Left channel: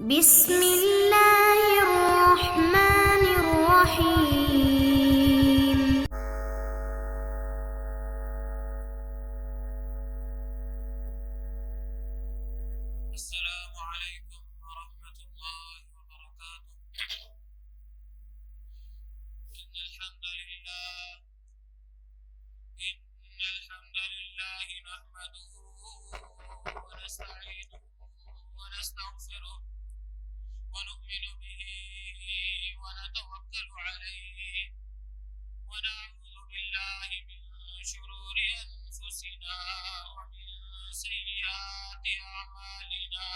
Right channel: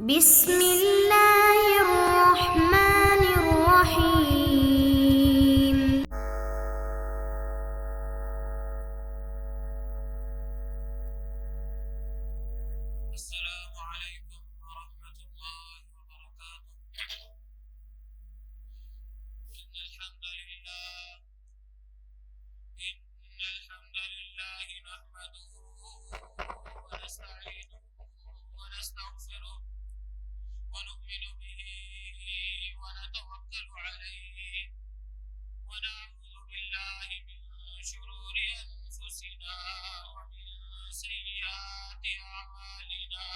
بسم الله الرحمن الرحيم. السلام عليكم ورحمة الله وبركاته. إن الحمد لله نحمده ونستعينه ونستغفره ونؤمن به ونتوكل عليه ونعوذ بالله من شرور أنفسنا ومن سيئات أعمالنا.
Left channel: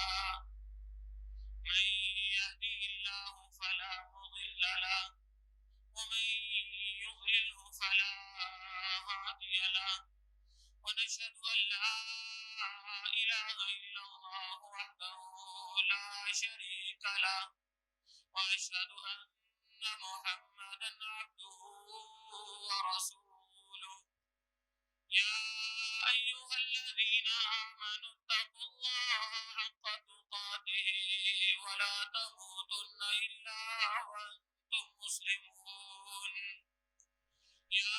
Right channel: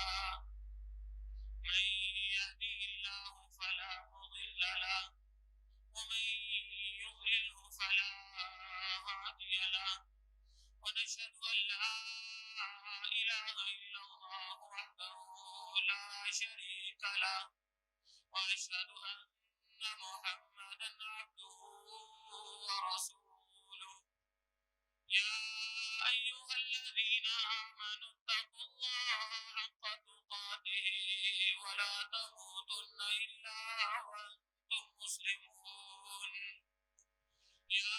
من يهده الله فلا مضل له ومن يضلله فلا هادي له، ونشهد أن لا إله إلا الله وحده لا شريك له، وأشهد أن محمدا عبده ورسوله. يا أيها الذين آمنوا اتقوا الله حق تقاته ولا تموتن إلا وأنتم مسلمون. يا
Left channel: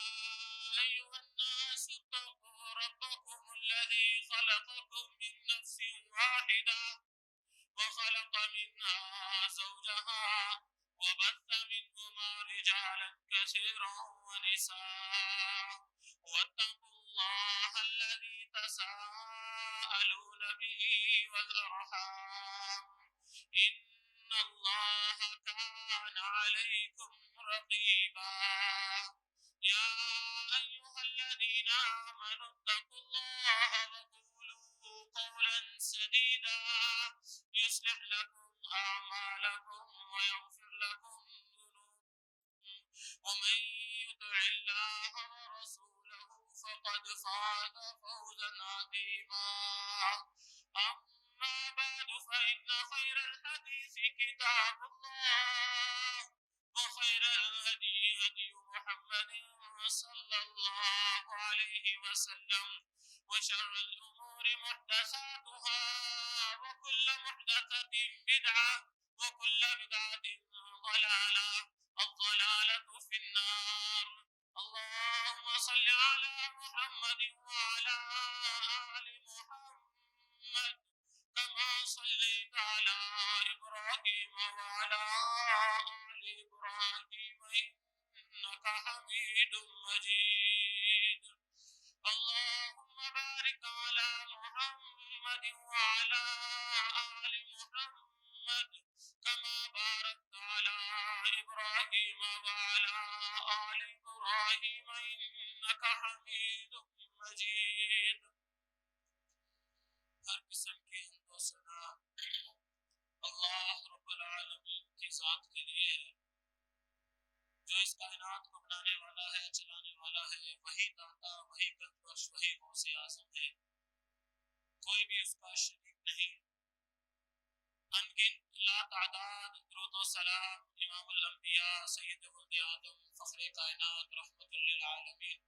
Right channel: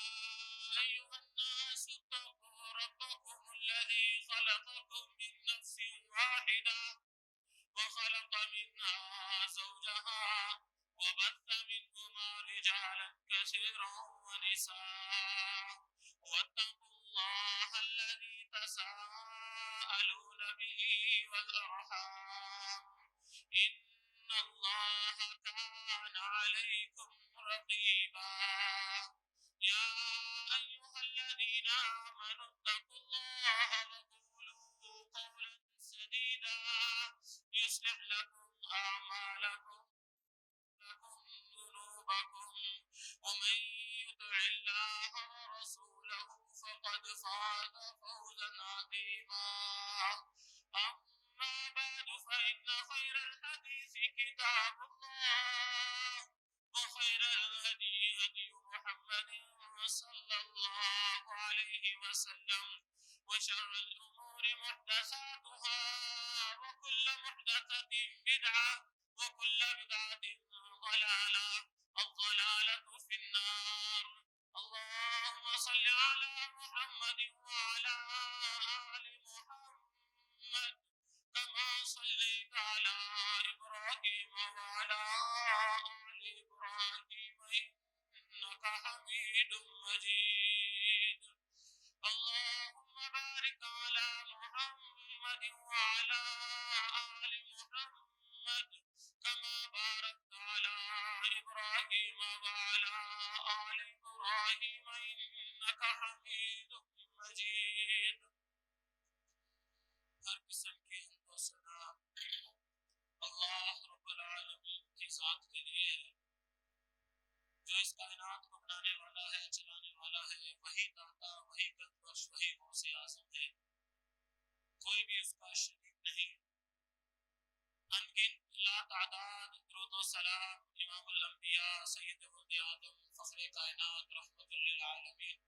أيها الناس اتقوا ربكم الذي خلقكم من نفس واحدة وخلق منها زوجها وبث منهما رجالا كثيرا ونساء، واتقوا الله الذي تساءلون به والأرحام إن الله كان عليكم رقيبا. يا أيها الذين آمنوا اتقوا الله وقولوا قولا سديدا يصلح لكم أعمالكم ويغفر لكم ذنوبكم، ومن يطع الله ورسوله فقد فاز فوزا عظيما. أما بعد فإن خير الحديث كتاب الله، وخير الهدي هدي محمد صلى الله عليه وسلم، وشر الأمور محدثاتها وكل محدثة بدعة وكل بدعة ضلالة، الضلالة في النار. اللهم صل على محمد وعلى آل محمد كما صليت على إبراهيم وعلى آل إبراهيم إنك حميد مجيد. اللهم بارك على محمد وعلى آل محمد كما باركت على إبراهيم وعلى آل إبراهيم إنك حميد مجيد. ہر قسم کی حمد و ثنا اللہ رب العالمین کی ذات کے لیے ہے، جو اس کائنات کو بنانے والا ہے، چلانے والا ہے، وہی داتا، وہی قدوس، وہی غوث اعظم ہے، کوئی بھی اس کا شریک نہیں۔ انگن لا تعداد درود و سلام امام الانبیاء سید ولد آدم فخر کائنات رحمت للعالمین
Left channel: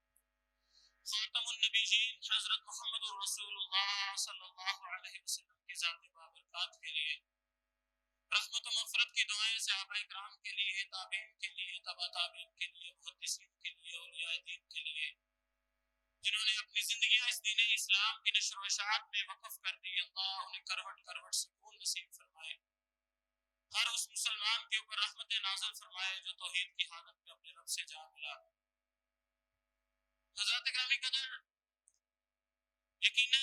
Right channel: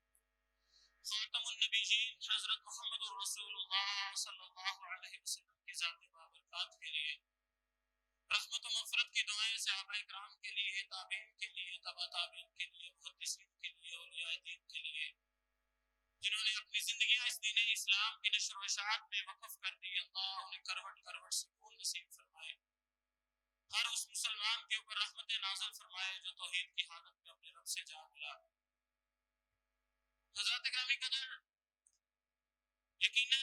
خاتم النبیین حضرت محمد رسول اللہ صلی اللہ علیہ وسلم کی ذات بابرکات کے لیے، رحمت و مغفرت کی دعائیں صحابہ کرام کے لیے، تابعین کے لیے، تبع تابعین کے لیے، محدثین کے لیے، اولیاء دین کے لیے، جنہوں نے اپنی زندگیاں اس دین اسلام کی نشر و اشاعت میں وقف کر دی، اللہ انہیں کروٹ کروٹ سکون نصیب فرمائے۔ ہر اس مسلمان کے اوپر رحمت نازل فرمائے جو توحید کی حالت میں اپنے رب سے جا ملا۔ حضرات گرامی قدر، یقیناً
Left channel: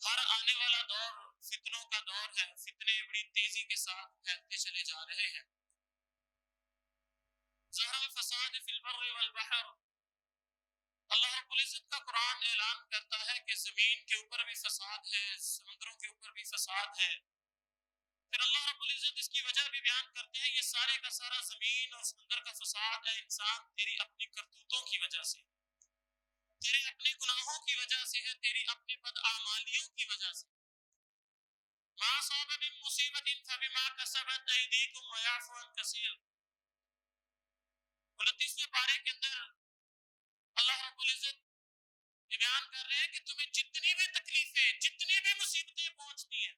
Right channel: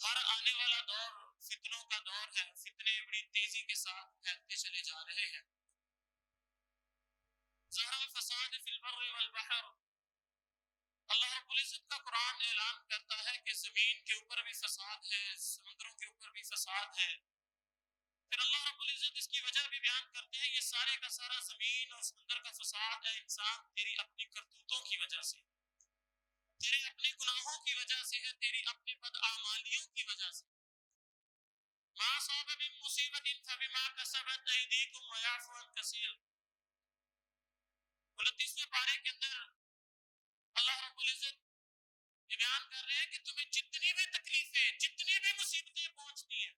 ہر آنے والا دور فتنوں کا دور ہے، فتنے بڑی تیزی کے ساتھ پھیلتے چلے جا رہے ہیں۔ ظہر الفساد فی البر والبحر، اللہ رب العزت کا قرآن اعلان کرتا ہے کہ زمین کے اوپر بھی فساد ہے، سمندروں کے اوپر بھی فساد ہے۔ پھر اللہ رب العزت اس کی وجہ بھی بیان کرتے ہیں، یہ سارے کا سارا زمین اور سمندر کا فساد ہے انسان تیری اپنی کرتوتوں کی وجہ سے، تیرے اپنے گناہوں کی وجہ سے ہے، تیری اپنی بدعمالیوں کی وجہ سے۔ ما صاب من مصیبت فبما کسبت ایدیکم ویعفو عن کثیر، 29ویں پارے کے اندر اللہ رب العزت یہ بیان کر رہے ہیں کہ تمہیں جتنی بھی تکلیفیں، جتنی بھی مصیبتیں پہنچتی ہیں،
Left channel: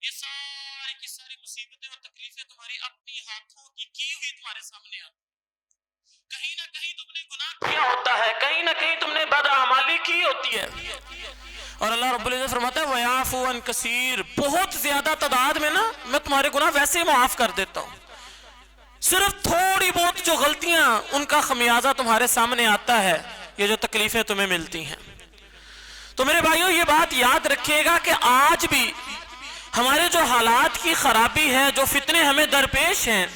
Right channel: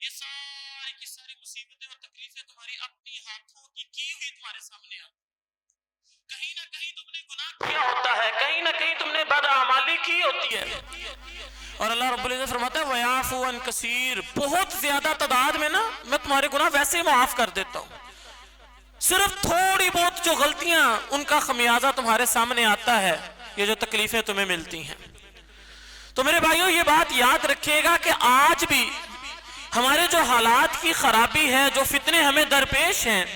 یہ ساری کی کی ہوتی ہے. اور اللہ رب العزت فرماتا ہے وَيَعْفُو عَنْ كَثِيرٍ، بہت زیادہ تعداد میں نا میں تمہارے گناہ ویسے ہی معاف کر دیتا ہوں. صرف تھوڑی بہت جو غلطیاں ان کا خمیازہ تمہارے سامنے آتا ہے، یہ جو تکلیفیں تمہیں ملتی ہیں. تو میرے بھائیوں یہ بات یاد رکھیے گا کہ آج بھی ہمارے جو حالات کی خرابی ہے، جو فتنے ہمیں درپیش ہیں،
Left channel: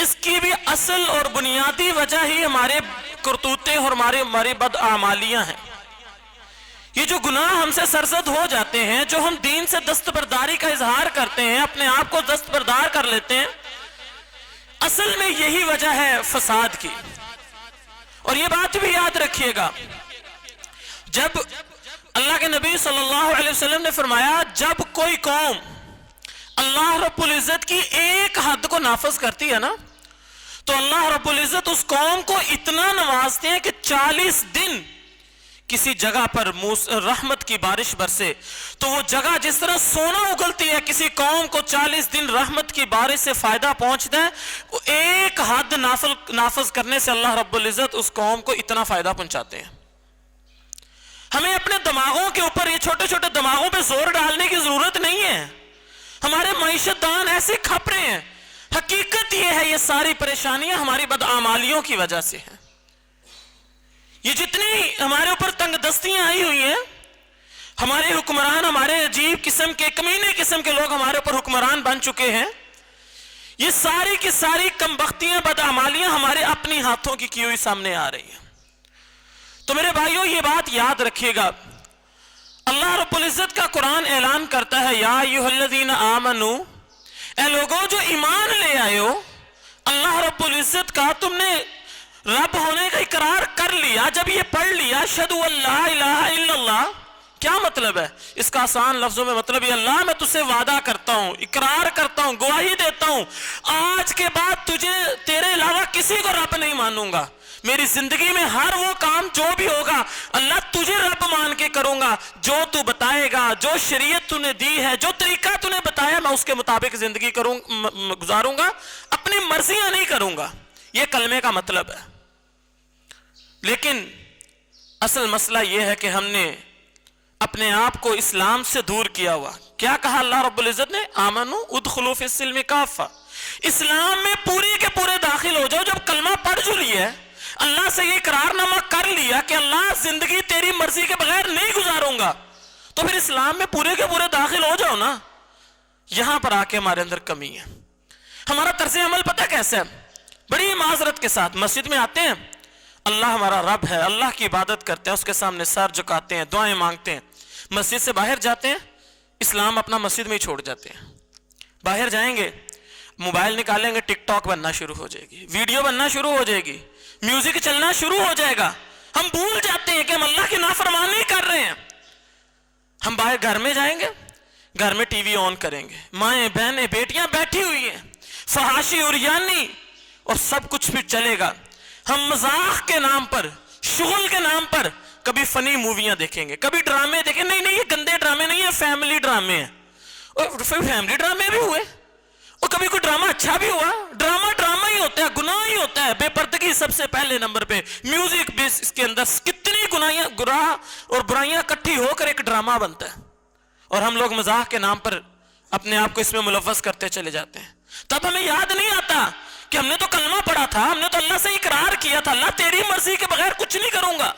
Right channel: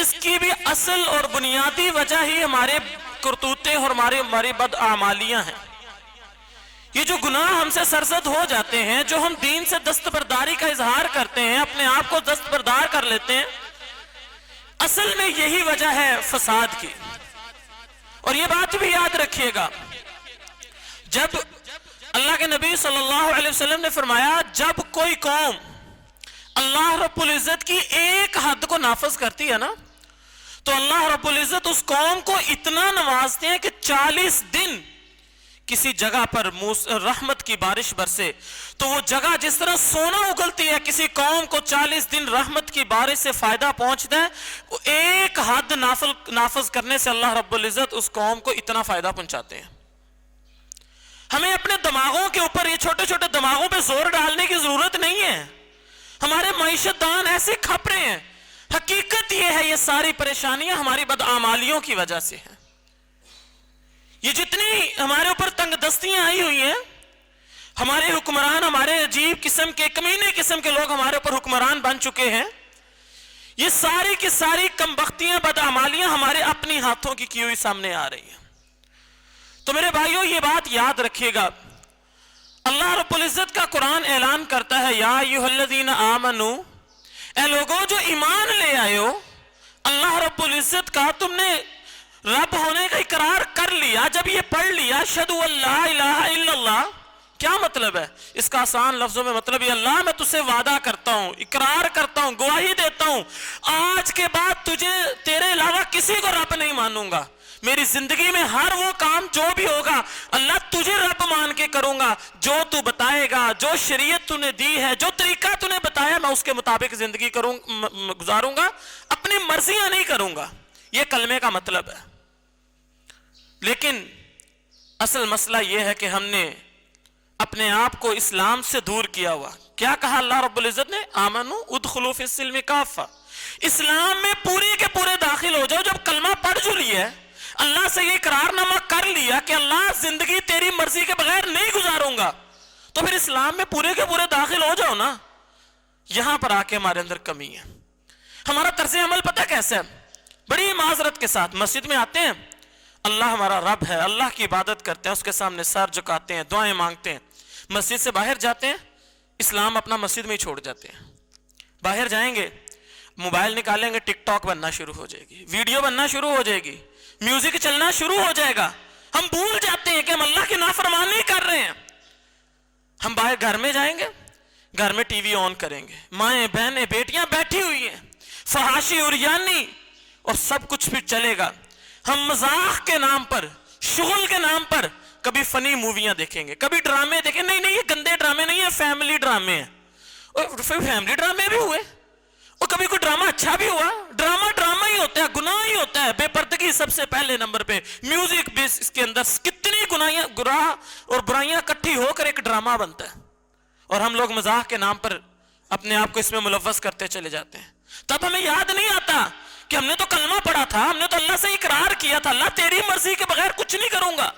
اس کی بھی اصل اور بنیادی وجہ ہی ہمارے کرتوتے اور ہماری بدعمالیاں ہیں. یہ جو گناہ ہم سے سرزد ہو جاتے ہیں، جو ہم دین سے دستبرداری کا اظہار کرتے ہیں، اپنے آپ کو دستبردار کر لیتے ہیں، اصل میں یہی وجہ ہے فساد کی. اور یہ بات بھی یاد رکھیے گا، جب اللہ کے نبی صلی اللہ علیہ وسلم نے فرمایا جب کوئی قوم اللہ رب العزت کی ایک حد کو نافذ کرتی ہے نا، تو اللہ رب العزت اس قوم کو اتنا نوازتے ہیں کہ 40 دن کسی جگہ پر رحمت کی بارش برسے. تو وہ جگہ جس طرح سونا اگلتی ہے، کسی قوم کو 40 دن رحمت کی بارش سے فائدہ پہنچتا ہے، وہ ایک حد نافذ کرنے سے اللہ رب العزت اس قوم کو اتنا فائدہ پہنچاتے ہیں. ہمیں اپنے دماغوں کے اوپر، یہ چھوٹے چھوٹے دماغوں پہ زور ڈالنے کی ضرورت نہیں ہے. ہمارے معیشت دان ایسے کھپ رہے ہیں. حقیقت یہ ہے یہ ساری پریشانیاں ہماری بدعمالیوں کی وجہ سے ہیں. یہ جتنی ہمارے اوپر تنگ دستیاں آئی ہوئی ہیں، ہمارے حکمران، ہمارے عجیب قسم کے کمینے قسم کے لوگ ہمارے اوپر حکمران بن چکے ہیں، یہ ساری کی ساری کمبختیاں بدعمالیاں ہمارے اپنی ہاتھوں کی ہوئی سامنے آ رہی ہیں. تو میرے بھائیوں یہ بات یاد رکھیے گا، اللہ رب العزت کا قرآن اعلان کرتا ہے یا ایھا الذین آمنو، اے لوگوں جو ایمان لے آئے ہو، اللہ رب العزت کا تم نے رب ہونے کا اقرار کر لیا. جب یہ پڑھ لیا اشہدو ان لا الہ الا اللہ، کیا مطلب ہے اس کا؟ آسان لفظوں میں مطلب یہ اللہ میں تجھ سے وعدہ کرتا ہوں، اقرار کرتا ہوں، گواہی دیتا ہوں، آج کے بعد تجھے تیرے علاوہ کسی کو رب نہیں مانوں گا. میری زندگی میں ہر وہ کام جو بھی ہوگا اللہ تجھے رب مان کے کروں گا. جو تو بتائے گا، جو شریعت تو نے دی ہے، جو طریقہ تو نے بتایا، میں اس کے مطابق زندگی گزاروں گا، اپنی مرضیاں نہیں کروں گا. یہ کلمے کا مطلب ہے. لیکن اصل مسئلہ یہ ہے کہ ہم نے اپنے آپ کو اسلام سے دور کیا ہوا. کیا کہا اللہ رب العزت نے؟ آمنو ادخلوا فی السلم کافہ، اسلام میں پوری کے پورے داخل ہو جاؤ. جب کلمہ پڑھ جو لیا ہے، اللہ سے یہ اقرار نامہ کر لیا کہ اللہ زندگی تیری مرضی کے بغیر نہیں گزاروں گا، تو پھر اسلام میں پورے کے پورے داخل ہو جاؤ نا. یہاں پر آ کے ہمارے اندر کمی ہے. ہمارا طرز عمل پتہ کیسے ہے؟ بڑی معذرت کے ساتھ مسجد میں آتے ہیں، اللہ ہمارا رب ہے، اللہ کی عبادت کرتے ہیں، اس کے سامنے سر جھکاتے ہیں، دعائیں مانگتے ہیں. مسجد سے باہر جاتے ہیں، اسلام اپنا مسجد میں ہی چھوڑ جاتے ہیں. باہر جائیں گے، موبائل نکالیں گے، ٹک ٹاک بننا شروع ہو جائے گی، ویڈیو بننا شروع ہو جائے گی، میوزک چلنا شروع ہو جائے گا. ہم بھول جاتے ہیں کہ ہم اللہ کی نافرمانی کر رہے ہیں. ہم باہر گھر میں جائیں گے، گھر میں ٹی وی آن کریں گے، مائیں بہنیں بیٹیاں بیٹھی ہوئی ہیں، فحاشی اریانی اور سب کچھ بھی چلے گا. ہم مذاق کے نام پر، شغل کے نام پر کبھی فنی موویاں دیکھیں گے، کبھی ڈرامے دیکھیں. نہیں یہ گندے ڈرامے نہیں ہیں، فیملی ڈرامے ہیں. اور پھر فیملی ڈرامے بھی ہوئے، اور کبھی کوئی ڈرامہ اچھا بھی ہوا. ڈرامہ ہی ہوتا ہے، گناہ ہی ہوتا ہے. بے پردگی سب سے پہلے نمبر پہ، میوزک بھی اس کے اندر کتنی گناہ اور برائیاں اکٹھی ہو کر ایک ڈرامہ بنتا ہے، اور ہم لوگ مزاح کے نام پر اپنے آپ کو اس میں ملوث کرتے چلے جاتے ہیں. تب ہمیں یاد نہیں آتا کہ ہم نے تو کلمہ پڑھا تھا، ہم نے تو اللہ سے اقرار کیا تھا اللہ تیری مرضی کے بغیر کچھ نہیں کروں گا.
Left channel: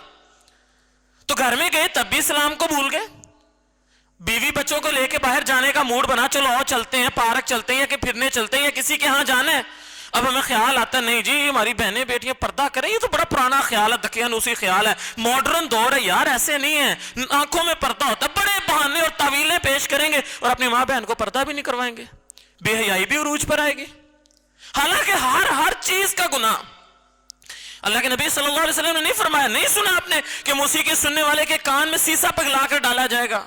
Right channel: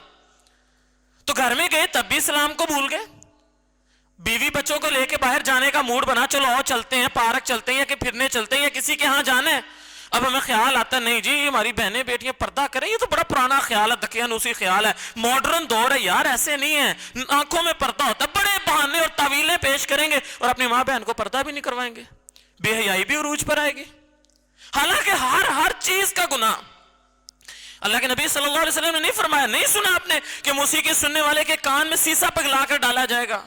تو گھر میں گئے تب بھی اسلام کو بھول گئے. بیوی بچوں کو لے کے باہر جانے کا موڈ بنا، چلو اور چلتے ہیں، پارک چلتے ہیں، یا کہ پھرنے چلتے ہیں، یا کسی کے ہاں جانا ہے. اب ہمیں خیال آتا نہیں جی یہ ہماری بہنیں بیٹیاں پردہ کریں، یہ تو بڑا پرانا خیال ہے، دقیانوسی خیال ہے، ماڈرن دور ہے یار، ایسے نہیں ہے. آنکھوں میں پردہ ہوتا ہے، بڑے بہانے اور تعویلیں پیش کریں گے اور اپنی ماں بہن کو پردہ بھی نہیں کروائیں گے. بے حیائی بھی عروج پر آئے گی. حالانکہ ہر چیز کا گناہ اللہ کے نبی صلی اللہ علیہ وسلم نے نہیں فرمایا. نہیں سنا آپ نے کہ موسیقی سننے والے کے کان میں سیسا پگلا کر ڈالا جائے گا؟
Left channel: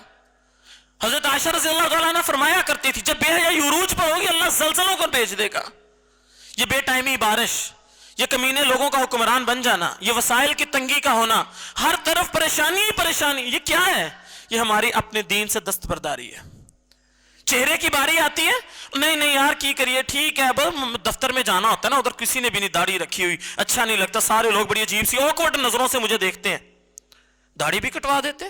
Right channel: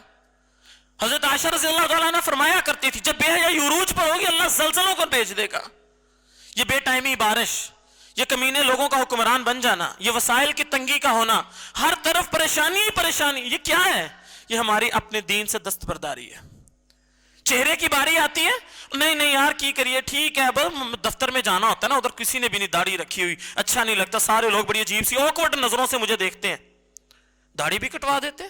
حضرت عائشہ رضی اللہ تعالیٰ عنہ فرمایا کرتی تھی جب بے حیائی عروج پر ہوگی اللہ زلزلوں کو بھیج دے گا. یہ بے ٹائمی بارش، یہ کمینے لوگوں کا حکمران بن جانا، یہ وسائل کی تنگی کا ہونا، ہر طرف پریشانی ہی پریشانی، یہ کیا ہے؟ یہ ہماری اپنے دین سے دستبرداری ہے. چہرے کی باری آتی ہے، نہیں یار کی کریے، ٹھیک ہے بس دفتر میں جانا ہوتا ہے نا، ادھر کسی نے بھی نہیں داڑھی رکھی ہوئی، اچھا نہیں لگتا، سارے لوگ بڑی عجیب سی اوکورڈ نظروں سے مجھے دیکھتے ہیں. داڑھی بھی کٹوا دیتے.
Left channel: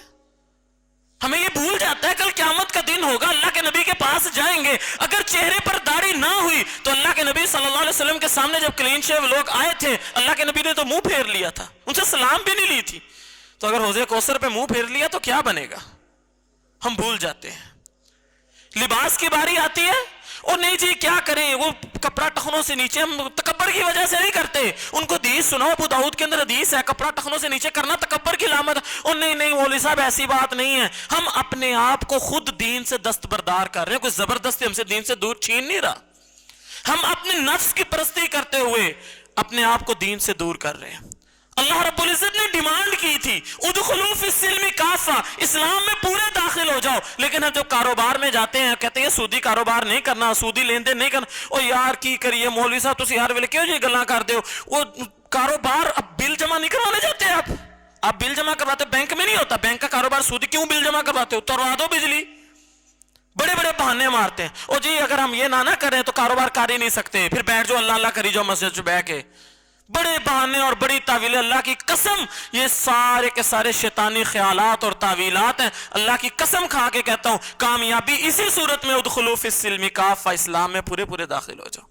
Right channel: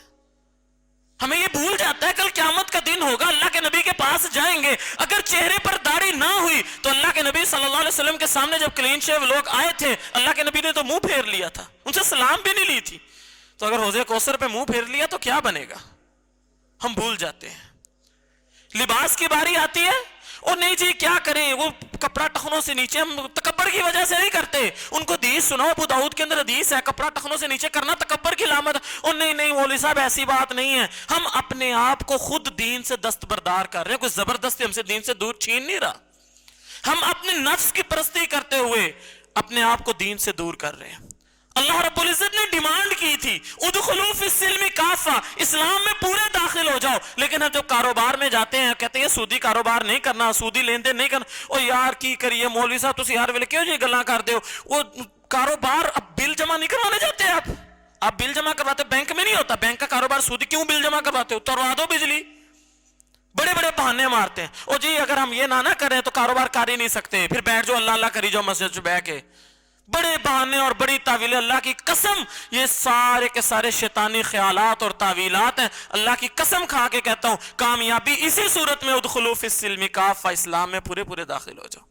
ہمیں یہ بھول جاتا ہے کل قیامت کا دن ہوگا, اللہ کے نبی کے پاس جائیں گے, اگر چہرے پر داڑھی نہ ہوئی تو اللہ کے نبی صلی اللہ علیہ وسلم کے سامنے جب کلین شیو لوگ آئے تھے, اللہ کے نبی نے تو منہ پھیر لیا تھا, ان سے سلام بھی نہیں لی تھی. تو اگر حوض کوثر پہ منہ پھیر لیا تو کیا بنے گا؟ ہم بھول جاتے ہیں. لباس کی باری آتی ہے اور نہیں جی کیا کریں, وہ کپڑا ٹخنوں سے نیچے, ہم تکبر کی وجہ سے نہیں کرتے. ان کو حدیث سناؤ, ابو داؤد کے اندر حدیث ہے کپڑا ٹخنوں سے نیچے کرنا تکبر کی علامت. اور نہیں مولوی صاحب ایسی بات نہیں ہے, ہم اپنے آپ کو خود دین سے دستبردار کر رہے ہیں, کوئی زبردستی ہم سے دین سے دور چھین نہیں رہا. ہم اپنے نفس کی پرستی کرتے ہوئے اپنے آپ کو دین سے دور کر رہے ہیں. اللہ رب العزت نے ڈیمانڈ کی تھی ادخلوا فی السلم کافہ, اسلام میں پورے داخل ہو جاؤ. لیکن ہم جو کاروبار میں جاتے ہیں کہتے ہیں سودی کاروبار نہیں کرنا, سودی لین دین نہیں کرنا. اور یار کی کریے مولوی صاحب تسی ہر ویلے کیوں جی گلاں کردے ہو؟ وہ کاروبار اب بل جمع نہیں کروانے جاتے آپ بل جمع کرواتے, بینک میں نہیں ہوتا, بینک کا کاروبار سودی کیوں بل جمع کرواتے ہو؟ توڑوا دو بجلی. بڑے بڑے بہانے مارتے ہیں, اور جی اگر ہم یہ نہ کریں تو کاروبار کر ہی نہیں سکتے, پھر بیٹھ جو اللہ اللہ کری جو مسجد سے بیٹھ کے. بڑے بہانے اور بڑی تعویلیں, اللہ کی قسم یہ سارے کے سارے شیطانی خیالات اور تعویلات ہیں. اللہ کی قسم کھا کے کہتا ہوں کامیابی اسی صورت میں ادخلوا فی السلم کافہ, اسلام میں پورے داخل ہو جاؤ.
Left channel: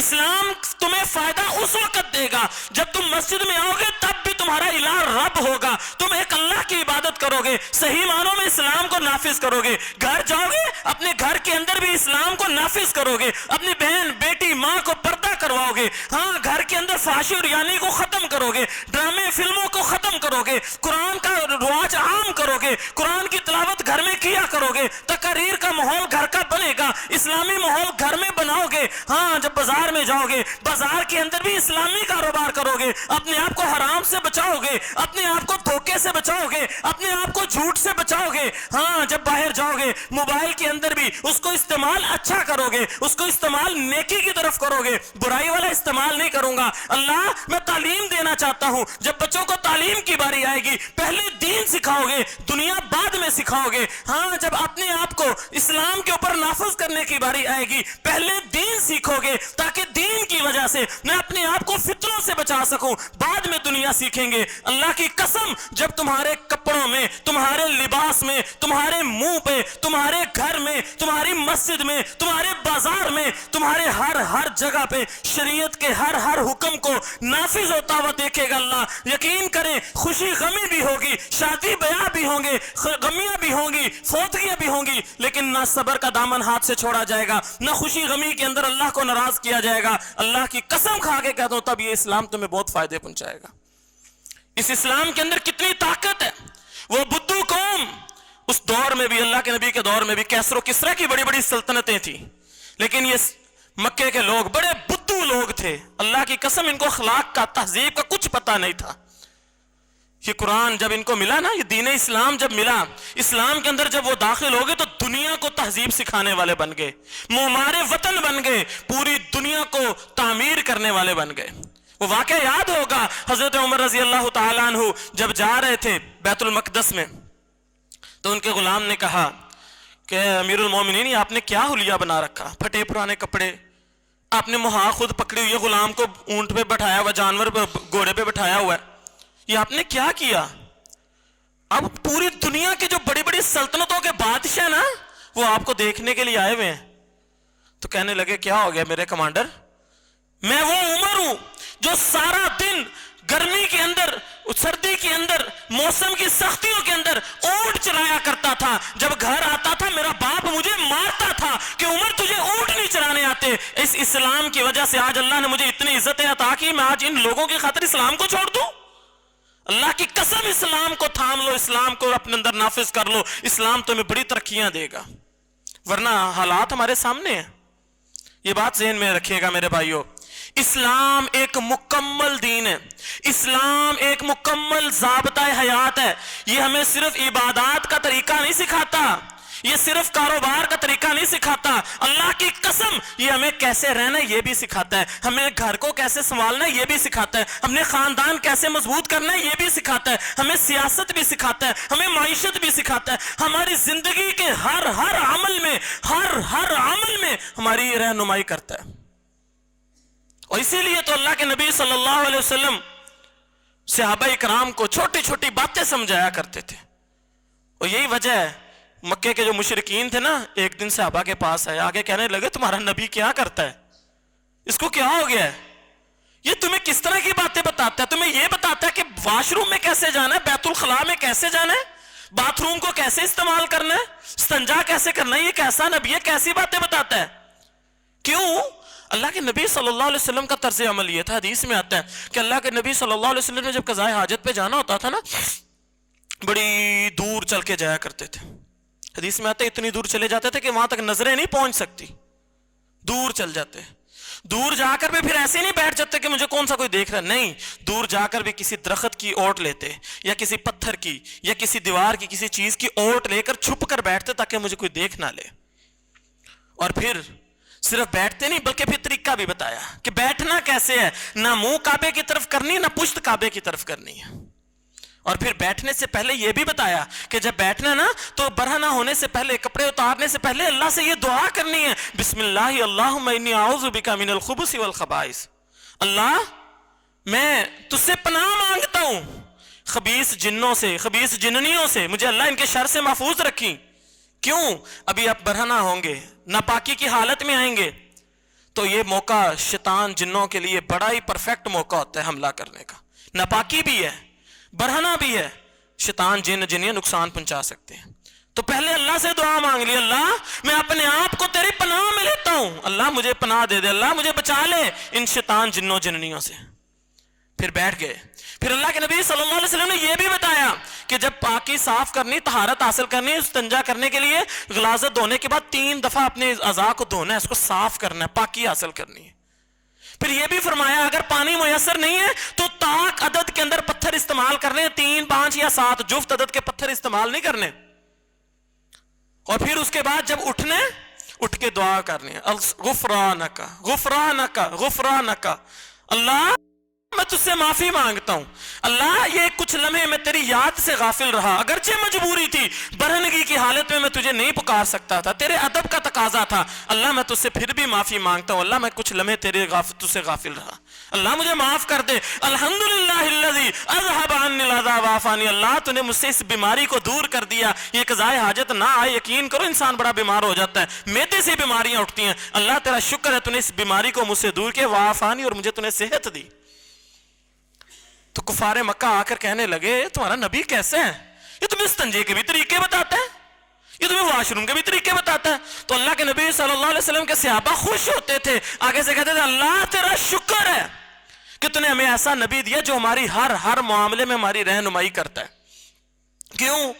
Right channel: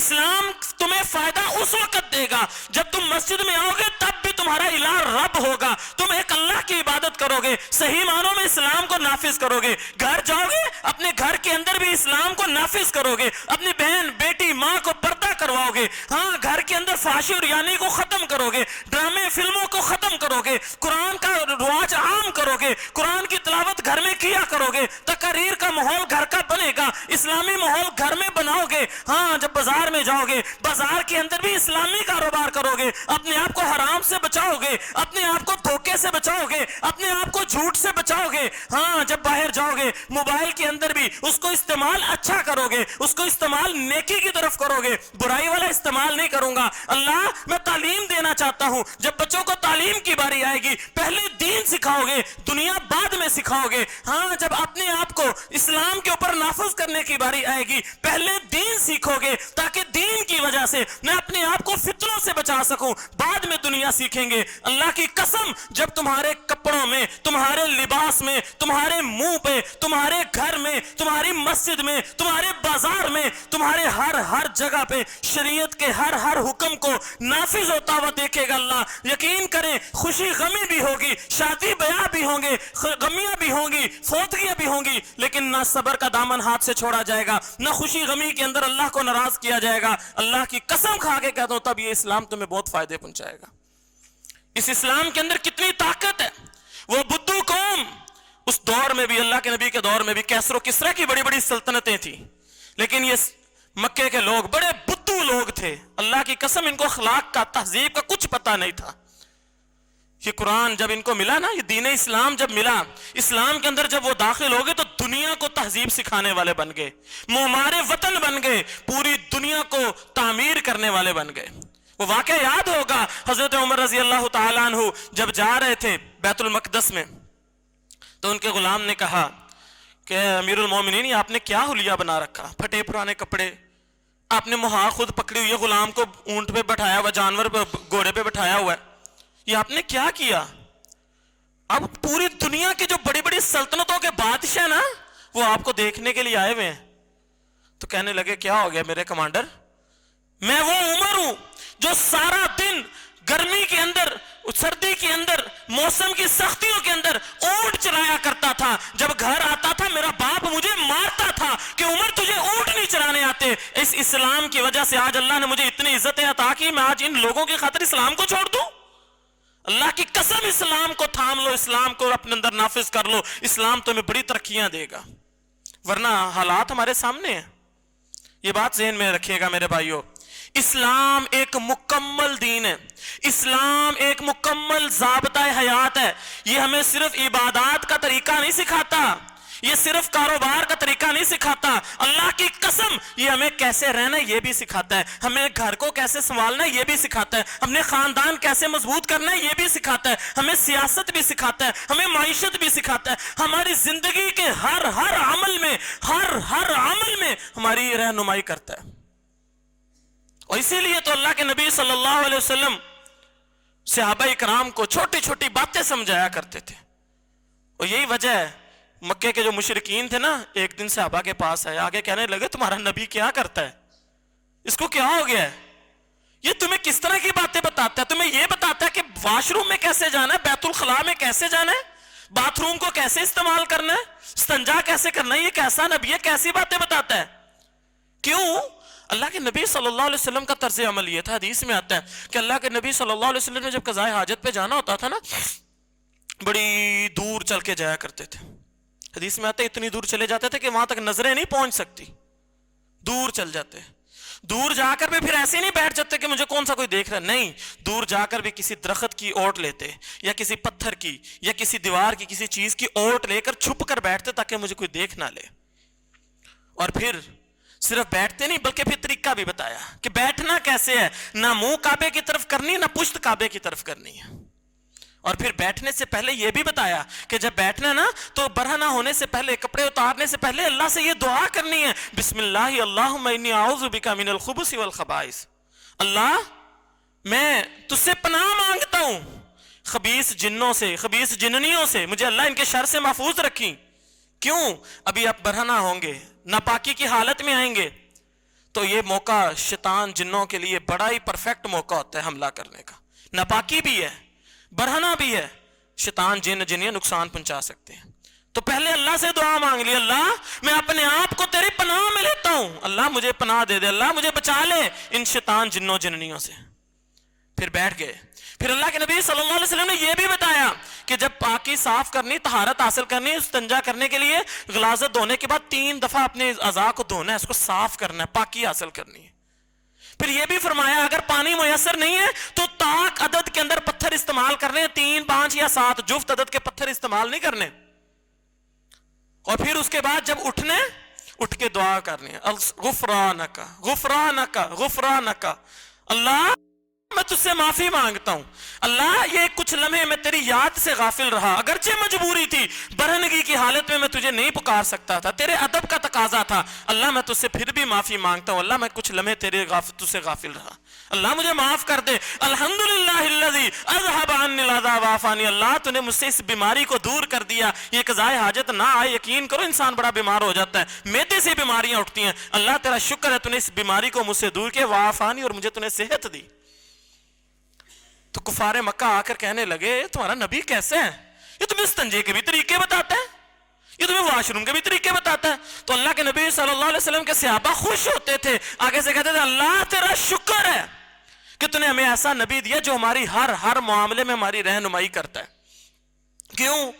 اسلام تمہیں فائدہ اس وقت دے گا جب تم مسجد میں آؤ گے, تب بھی تمہارا الہ رب ہوگا, تم ایک اللہ کی عبادت کرو گے, صحیح معنوں میں اسلام کو نافذ کرو گے. گھر جاؤ گے اپنے گھر کے اندر بھی اسلام کو نافذ کرو گے, اپنی بہن بیٹی ماں کو پردہ کرواؤ گے. ہاں, گھر کے اندر فحاشی اور یعنی کو ختم کرو گے, ڈرامے فلموں کو ختم کرو گے, قرآن کا رواج عام کرو گے, قرآن کی تلاوت گھر میں کیا کرو گے, تقریر کا ماحول گھر کا بنے گا, اسلامی ماحول گھر میں بناؤ گے. ہاں, جب بازار میں جاؤ گے بازار کے اندر بھی اسلامی کاروبار کرو گے, اپنے آپ کو حرام سے بچاؤ گے, اپنے آپ کو دھوکے سے بچاؤ گے, اپنے آپ کو جھوٹ سے بچاؤ گے. ہاں, جب باہر جاؤ گے موبائل کے اندر بھی اس کو استعمال اچھا کرو گے, اس کو استعمال نیکی کی طرف کرو گے, برائی والا استعمال نہیں کروں گا. اللہ میں تعلیم دینا چاہتا ہوں, جب بچوں کو تعلیم کی باری آئے گی پہلے دین سکھاؤ گے, دنیا بعد میں سکھاؤ گے. ہاں, جب اپنے آپ کو اسلام کے اوپر نافذ کرنے کی باری آئے گی پہلے دین سیکھو گے, تاکہ دین کی وجہ سے میں اپنے آپ کو فتنوں سے بچا سکوں, بعد میں دنیا سیکھیں گے. اللہ کی قسم جب تمہارے کپڑوں میں, تمہارے لباس میں, تمہارے منہ پہ, تمہارے گھر میں, تمہاری مسجد میں, تمہارے بازار میں, تمہارے ہر جگہ پہ شریعت کے ہر حکم کو نافذ ہوتا ہوا دیکھے گا اللہ, یقین کریں خوشی غمی بھی ہوگی, شادی بیاہ بھی ہوں گے, غمیاں بھی ہوں گی, فوتگیاں بھی ہوں گی, لیکن نہ صبر کا دامن ہاتھ سے چھوڑا جائے گا, نہ خوشی غمی کے اندر اللہ کو ناراض کیا جائے گا. اللہ کی قسم کھا کے کہتا ہوں تب یہ اسلام تمہیں بہت فائدے پہنچائے گا. اس اسلام کے اندر کتنی طاقت ہے. وہ بدو قوم اس دور میں بھی, اللہ کے نبی کے دور میں بھی کیسر و کسرا کی بڑی بڑی سلطنتیں تھیں, لیکن یہ مکے کے لوگ بڑے بدو لوگ تھے. اللہ کی قسم ان کو اخلاق کا, تہذیب کا کچھ پتہ نہیں تھا. یہ قرآن جب ان کو ملا نا, یہ دین اسلام جب ملا, اسلام کے اندر جب وہ داخل ہو گئے تو دنیا کو تہذیب سکھانے والے بن گئے, معمار وطن بن گئے, پوری دنیا کو تعمیر کرنے والے بن گئے. وہ واقعہ یاد ہوگا, حضرت عمر رضی اللہ تعالیٰ عنہ جب جا رہے تھے بیت المقدس میں تو ان کے غلام نے کہا کہ امیر المومنین یہ آپ نے کیا حلیہ بنا رکھا, پھٹے پرانے کپڑے, آپ نے مہار خود پکڑی ہوئی ہے, غلام کو اونٹ پہ بٹھایا ہوا, جانور پہ, گھوڑے پہ بٹھایا ہوا ہے, یہ آپ نے کیا کیا؟ اب پوری دنیا کے جو بڑی بڑی سلطنتوں کے بادشاہ نا وہ آپ کو دیکھنے کے لیے آئے ہوئے ہیں. تو کہنے لگے کیا ہو گیا میرے کمانڈر, میں وہ عمر ہوں جو سارا دن گرمی کے اندر, سردی کے اندر, موسم کی سختیوں کے اندر اونٹ چلایا کرتا تھا. جب گھر آتا تھا میرا باپ مجھے مارتا تھا کہ عمر تجھے اونٹ نہیں چلانے آتے. اس اسلام کی وجہ سے آج اللہ نے مجھے اتنی عزتیں عطا کی, میں آج ان لوگوں کی خاطر اسلام کو چھوڑ دوں. اللہ کی قسم اسلام کو تھام لو, اسلام کو اپنے اندر نافذ کر لو, اسلام تمہیں بڑی ترقیاں دے گا. ورنہ حالات ہمارے سامنے ہیں. یہ بات ذہن میں رکھیے گا میرے بھائیوں, اسلام ایک مکمل دین ہے, اسلام ایک مکمل ضابطہ حیات ہے. یہ ہمیں صرف عبادات کا طریقہ نہیں سکھاتا, یہ صرف کاروبار کا طریقہ نہیں سکھاتا. اللہ کی قسم یہ ہمیں کیسے رہنا ہے یہ بھی سکھاتا ہے, ہمیں گھر کو کیسے سنبھالنا ہے یہ بھی سکھاتا ہے, ہم نے خاندان کیسے مضبوط کرنا ہے یہ بھی سکھاتا ہے, ہمیں سیاست بھی سکھاتا ہے, ہمیں معیشت بھی سکھاتا ہے. ہماری زندگی کے ہر عمل میں, ہر عمل میں ہماری یہ رہنمائی کرتا ہے. اور اسی لیے تو اللہ کے نبی صلی اللہ علیہ وسلم صحابہ اکرام کو چھوٹی چھوٹی باتیں سمجھایا کرتے تھے. اور یہی وجہ ہے مکے کے جو مشرکین تھے نا, ایک دن صحابہ کے پاس آئے, آگے کہنے لگے تمہارا نبی کیا کرتا ہے, اس کو کیا ہو گیا ہے, یہ تمہیں کس طرح کی باتیں بتاتا ہے, تمہیں یہ بتاتا ہے کہ واش روم میں کیسے جانا ہے, بیت الخلاء میں کیسے جانا ہے, باتھ روم کو کیسے استعمال کرنا ہے, استنجا کیسے کرنا ہے, یہ کیسا نبی ہے, کیسی باتیں بتاتا ہے. کیوں؟ اللہ کے نبی صلی اللہ علیہ وسلم کا طرز عمل یہ تھا. حدیث میں آتا ہے کہ اللہ کے نبی صلی اللہ علیہ وسلم نے جب قضائے حاجت پہ جانا ہوتا تھا نا, بڑی دور چل کے جایا کرتے تھے. حدیث میں آتا ہے اتنی دور چلے جاتے تھے کہ وہاں تک نظریں نہیں پہنچ سکتی, دور چل جاتے. دور جا کر بھی پھر ایسے نہیں بیٹھ جاتے کہ مجھے کون سا کوئی دیکھ رہا, نہیں, دور جا کر بھی کسی درخت کی اوٹ لیتے, یا کسی پتھر کی, یا کسی دیوار کی, کسی چیز کی اوٹ لے کر چھپ کر بیٹھتے تاکہ مجھے کوئی دیکھ نہ لے. اور پھر صرف بیٹھتے نہیں بلکہ پھر طریقہ بھی بتایا کہ بیٹھنا کیسے ہے, نہ منہ کعبے کی طرف کرنی, نہ پشت کعبے کی طرف کرنی ہے. اور پھر بیٹھنے سے پہلے یہ بھی بتایا کہ جب بیٹھنا نا تو برہنہ ہونے سے پہلے, کپڑے اتارنے سے پہلے اللہ سے یہ دعا کرنی ہے, بسم اللہ اللہم انی اعوذ بک من الخبث والخبائث, اللہ میں تجھ سے پناہ مانگتا ہوں خبیث جنوں سے, خبیث جننیوں سے, مجھے اللہ ان کے شر سے محفوظ رکھی. کیوں؟ ابھی آپ برہنہ ہوں گے, ناپاکی کی حالت میں آئیں گے, تو یہ موقع شیطان جنوں کے لیے بڑا ہی پرفیکٹ موقع ہوتا ہے حملہ کرنے کا. ناپاکی بھی ہے, برہنہ بھی ہے, شیطان جن جنہیں نقصان پہنچا سکتے ہیں. تو پہلے اللہ سے دعا مانگ لی, اللہ میں اپنے آپ کو تیری پناہ میں لیتا ہوں, اللہ مجھے پناہ دے دے, اللہ مجھے بچا لے ان شیطان جنوں جننیوں سے. پھر بیٹھ گئے. پھر اللہ کے نبی صلی اللہ علیہ وسلم نے یہ بھی بتایا کہ جب پاکی صاف کرنی, طہارت حاصل کرنی, استنجا کرنے کے لیے غلاظت دھونے کے بعد 3 دفعہ اپنے اعضاء کو دھونا ہے, اس کو صاف کرنا ہے, پاکی حاصل کرنی ہے. پھر یہ بھی فرمایا اگر پانی میسر نہیں ہے تو طاق عدد کے اندر پتھر استعمال کرنے, 3, 5 یا 7 جفت عدد کے پتھر استعمال نہیں کرنے. اور پھر اس کے بعد جب اٹھ کے دعا کرنی ہے, غفرانک غفرانک غفرانک, اللہ میں تجھ سے معافی مانگتا ہوں, اللہ یہ کچھ لمحے میں تیری یاد سے غافل رہا, اگرچہ مجبوری تھی, برہنگی کی حالت میں تجھے نہیں پکار سکتا تھا, تیرے ادب کا تقاضا تھا, اللہ میں تجھ سے پھر بھی معافی مانگتا ہوں, اللہ میں کچھ لمحے تجھ سے غافل رہا, اللہ مجھے معاف کر دے. الحمدللہ الذی اذهب عنی الاذی وعافانی, اللہ تو نے مجھ سے اس بیماری کو دور کر دیا, یہ قضائے حاجت نہ آئے. یقین کرو انسان بڑا بیمار ہو جاتا ہے, معدے سے بیماریاں اٹھتی ہیں, اللہ تیرا شکر ہے تو نے اس بیماری کو مجھ سے دور کیا, وعافانی, اور مجھے تو نے صحت دی. تو کفار مکہ آ کر کہنے لگے تمہارا نبی کیسے ہے, یہ تمہیں استنجے کے بھی طریقے بتاتا ہے, یہ تمہیں واش روم کے بھی طریقے بتاتا ہے. تو اللہ کے نبی صلی اللہ علیہ وسلم کے صحابہ خوش ہوتے تھے, آگے سے کہتے تھے اللہ تیرا شکر ہے کہ تو نے ہمیں ایسا نبی دیا جو ہماری ہر معاملے میں ہماری رہنمائی کرتا ہے. کیوں؟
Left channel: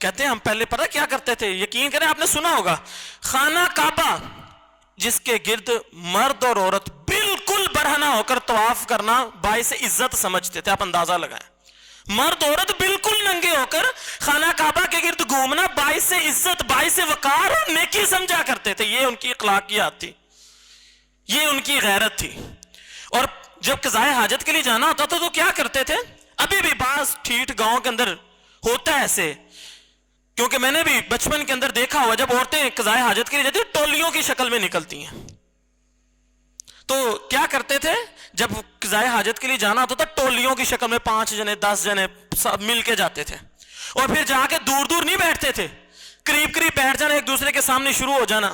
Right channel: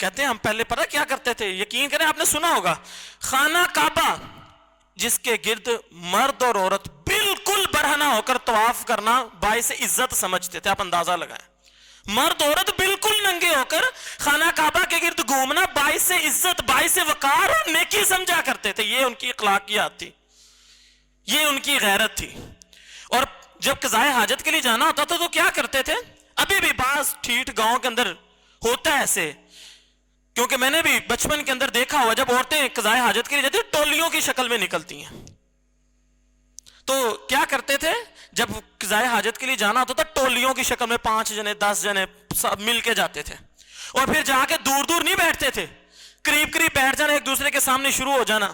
کہتے ہیں ہم پہلے پتہ کیا کرتے تھے, یقین کریں آپ نے سنا ہوگا, خانہ کعبہ جس کے گرد مرد اور عورت بالکل برہنہ ہو کر طواف کرنا باعث عزت سمجھتے تھے. آپ اندازہ لگائیں, مرد عورت بالکل ننگے ہو کر خانہ کعبہ کے گرد گھومنا باعث عزت, باعث وقار اور نیکی سمجھا کرتے تھے. یہ ان کی اخلاقیات تھی, یہ ان کی غیرت تھی. اور جب قضائے حاجت کے لیے جانا ہوتا تھا تو کیا کرتے تھے, ابھی بھی بعض ٹھیٹ گاؤں کے اندر ہوتا ہے ایسے, کیونکہ میں نے بھی بچپن کے اندر دیکھا ہوا جب عورتیں قضائے حاجت کے لیے جاتی ٹولیوں کی شکل میں نکلتی ہیں. تو کیا کرتے تھے, جب قضائے حاجت کے لیے جانا ہوتا تھا ٹولیوں کی شکل میں 5 جنے 10 جنے سب مل کے جاتے تھے, اور پھر جا کے دور دور نہیں بیٹھتے تھے, قریب قریب بیٹھ جانا, ایک دوسرے کے سامنے شروع ہو جانا,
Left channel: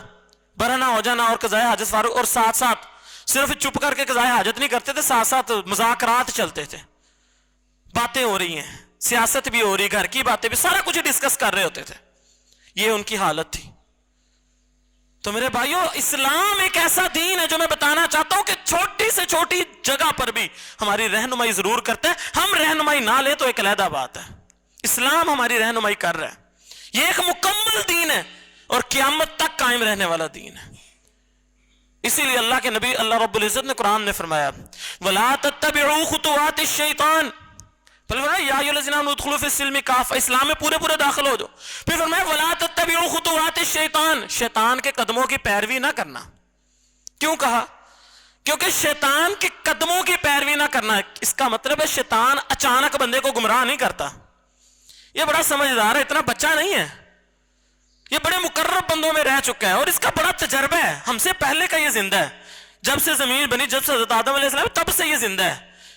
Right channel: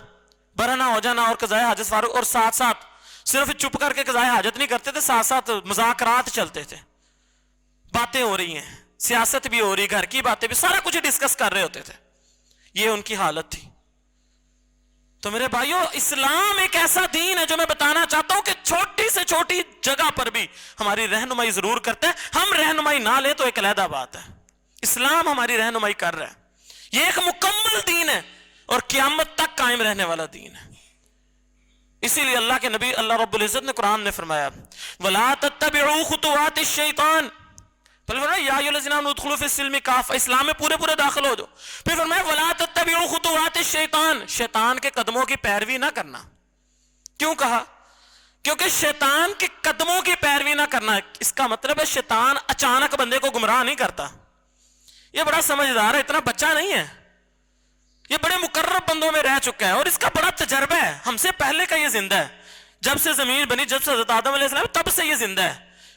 برہنہ ہو جانا اور قضائے حاجت فارغ, اور ساتھ ساتھ صرف چپ کر کے قضائے حاجت نہیں کرتے تھے, ساتھ ساتھ مذاکرات چلتے تھے, باتیں ہو رہی ہیں, سیاست بھی ہو رہی, گھر کی باتیں بھی, سارا کچھ ڈسکس کر رہے ہوتے تھے. یہ ان کی حالت تھی. تو میرے بھائیو, اسلام ایک ایسا دین ہے جو میں بتانا چاہتا ہوں کہ چھوٹی سے چھوٹی جگہ پر بھی ہماری رہنمائی ضرور کرتا ہے. ہم رہنمائی نہ لے تو ایک علیحدہ بات ہے, اسلام ہماری رہنمائی کر رہا ہے. یہ ایک مکمل دین ہے اور قیامت تک قائم رہنے والا دین ہے. اسی لیے اللہ کے نبی اللہ رب العزت نے قرآن میں فرمایا وَلَا تَتَّبِعُوا خُطُوَاتِ الشَّيْطَانِ, پھر فرمایا یا ایھا الذین آمنوا ادخلوا فی السلم کافہ, اسلام میں پورے داخل ہو جاؤ. پھر فرمایا وَلَا تَتَّبِعُوا خُطُوَاتِ الشَّيْطَانِ, شیطان کے قدموں کی پیروی نہ کرنا. کیوں کہا؟ کیونکہ شیطان کے قدموں کی پیروی نہ کرنا ہے, اس کا مطلب ہے شیطان اچانک بندے کو گمراہ نہیں کرتا. یہ بڑا سمجھدار ہے, اتنا بچہ نہیں ہے, یہ بڑے مقرب بندوں میں رہ چکا ہے اور اس کا بڑا تجربہ ہے, ہم سے پہلے کا یہ زندہ ہے, جب سے زمین بنی, جب سے حضرت آدم علیہ السلام تب سے یہ زندہ ہے.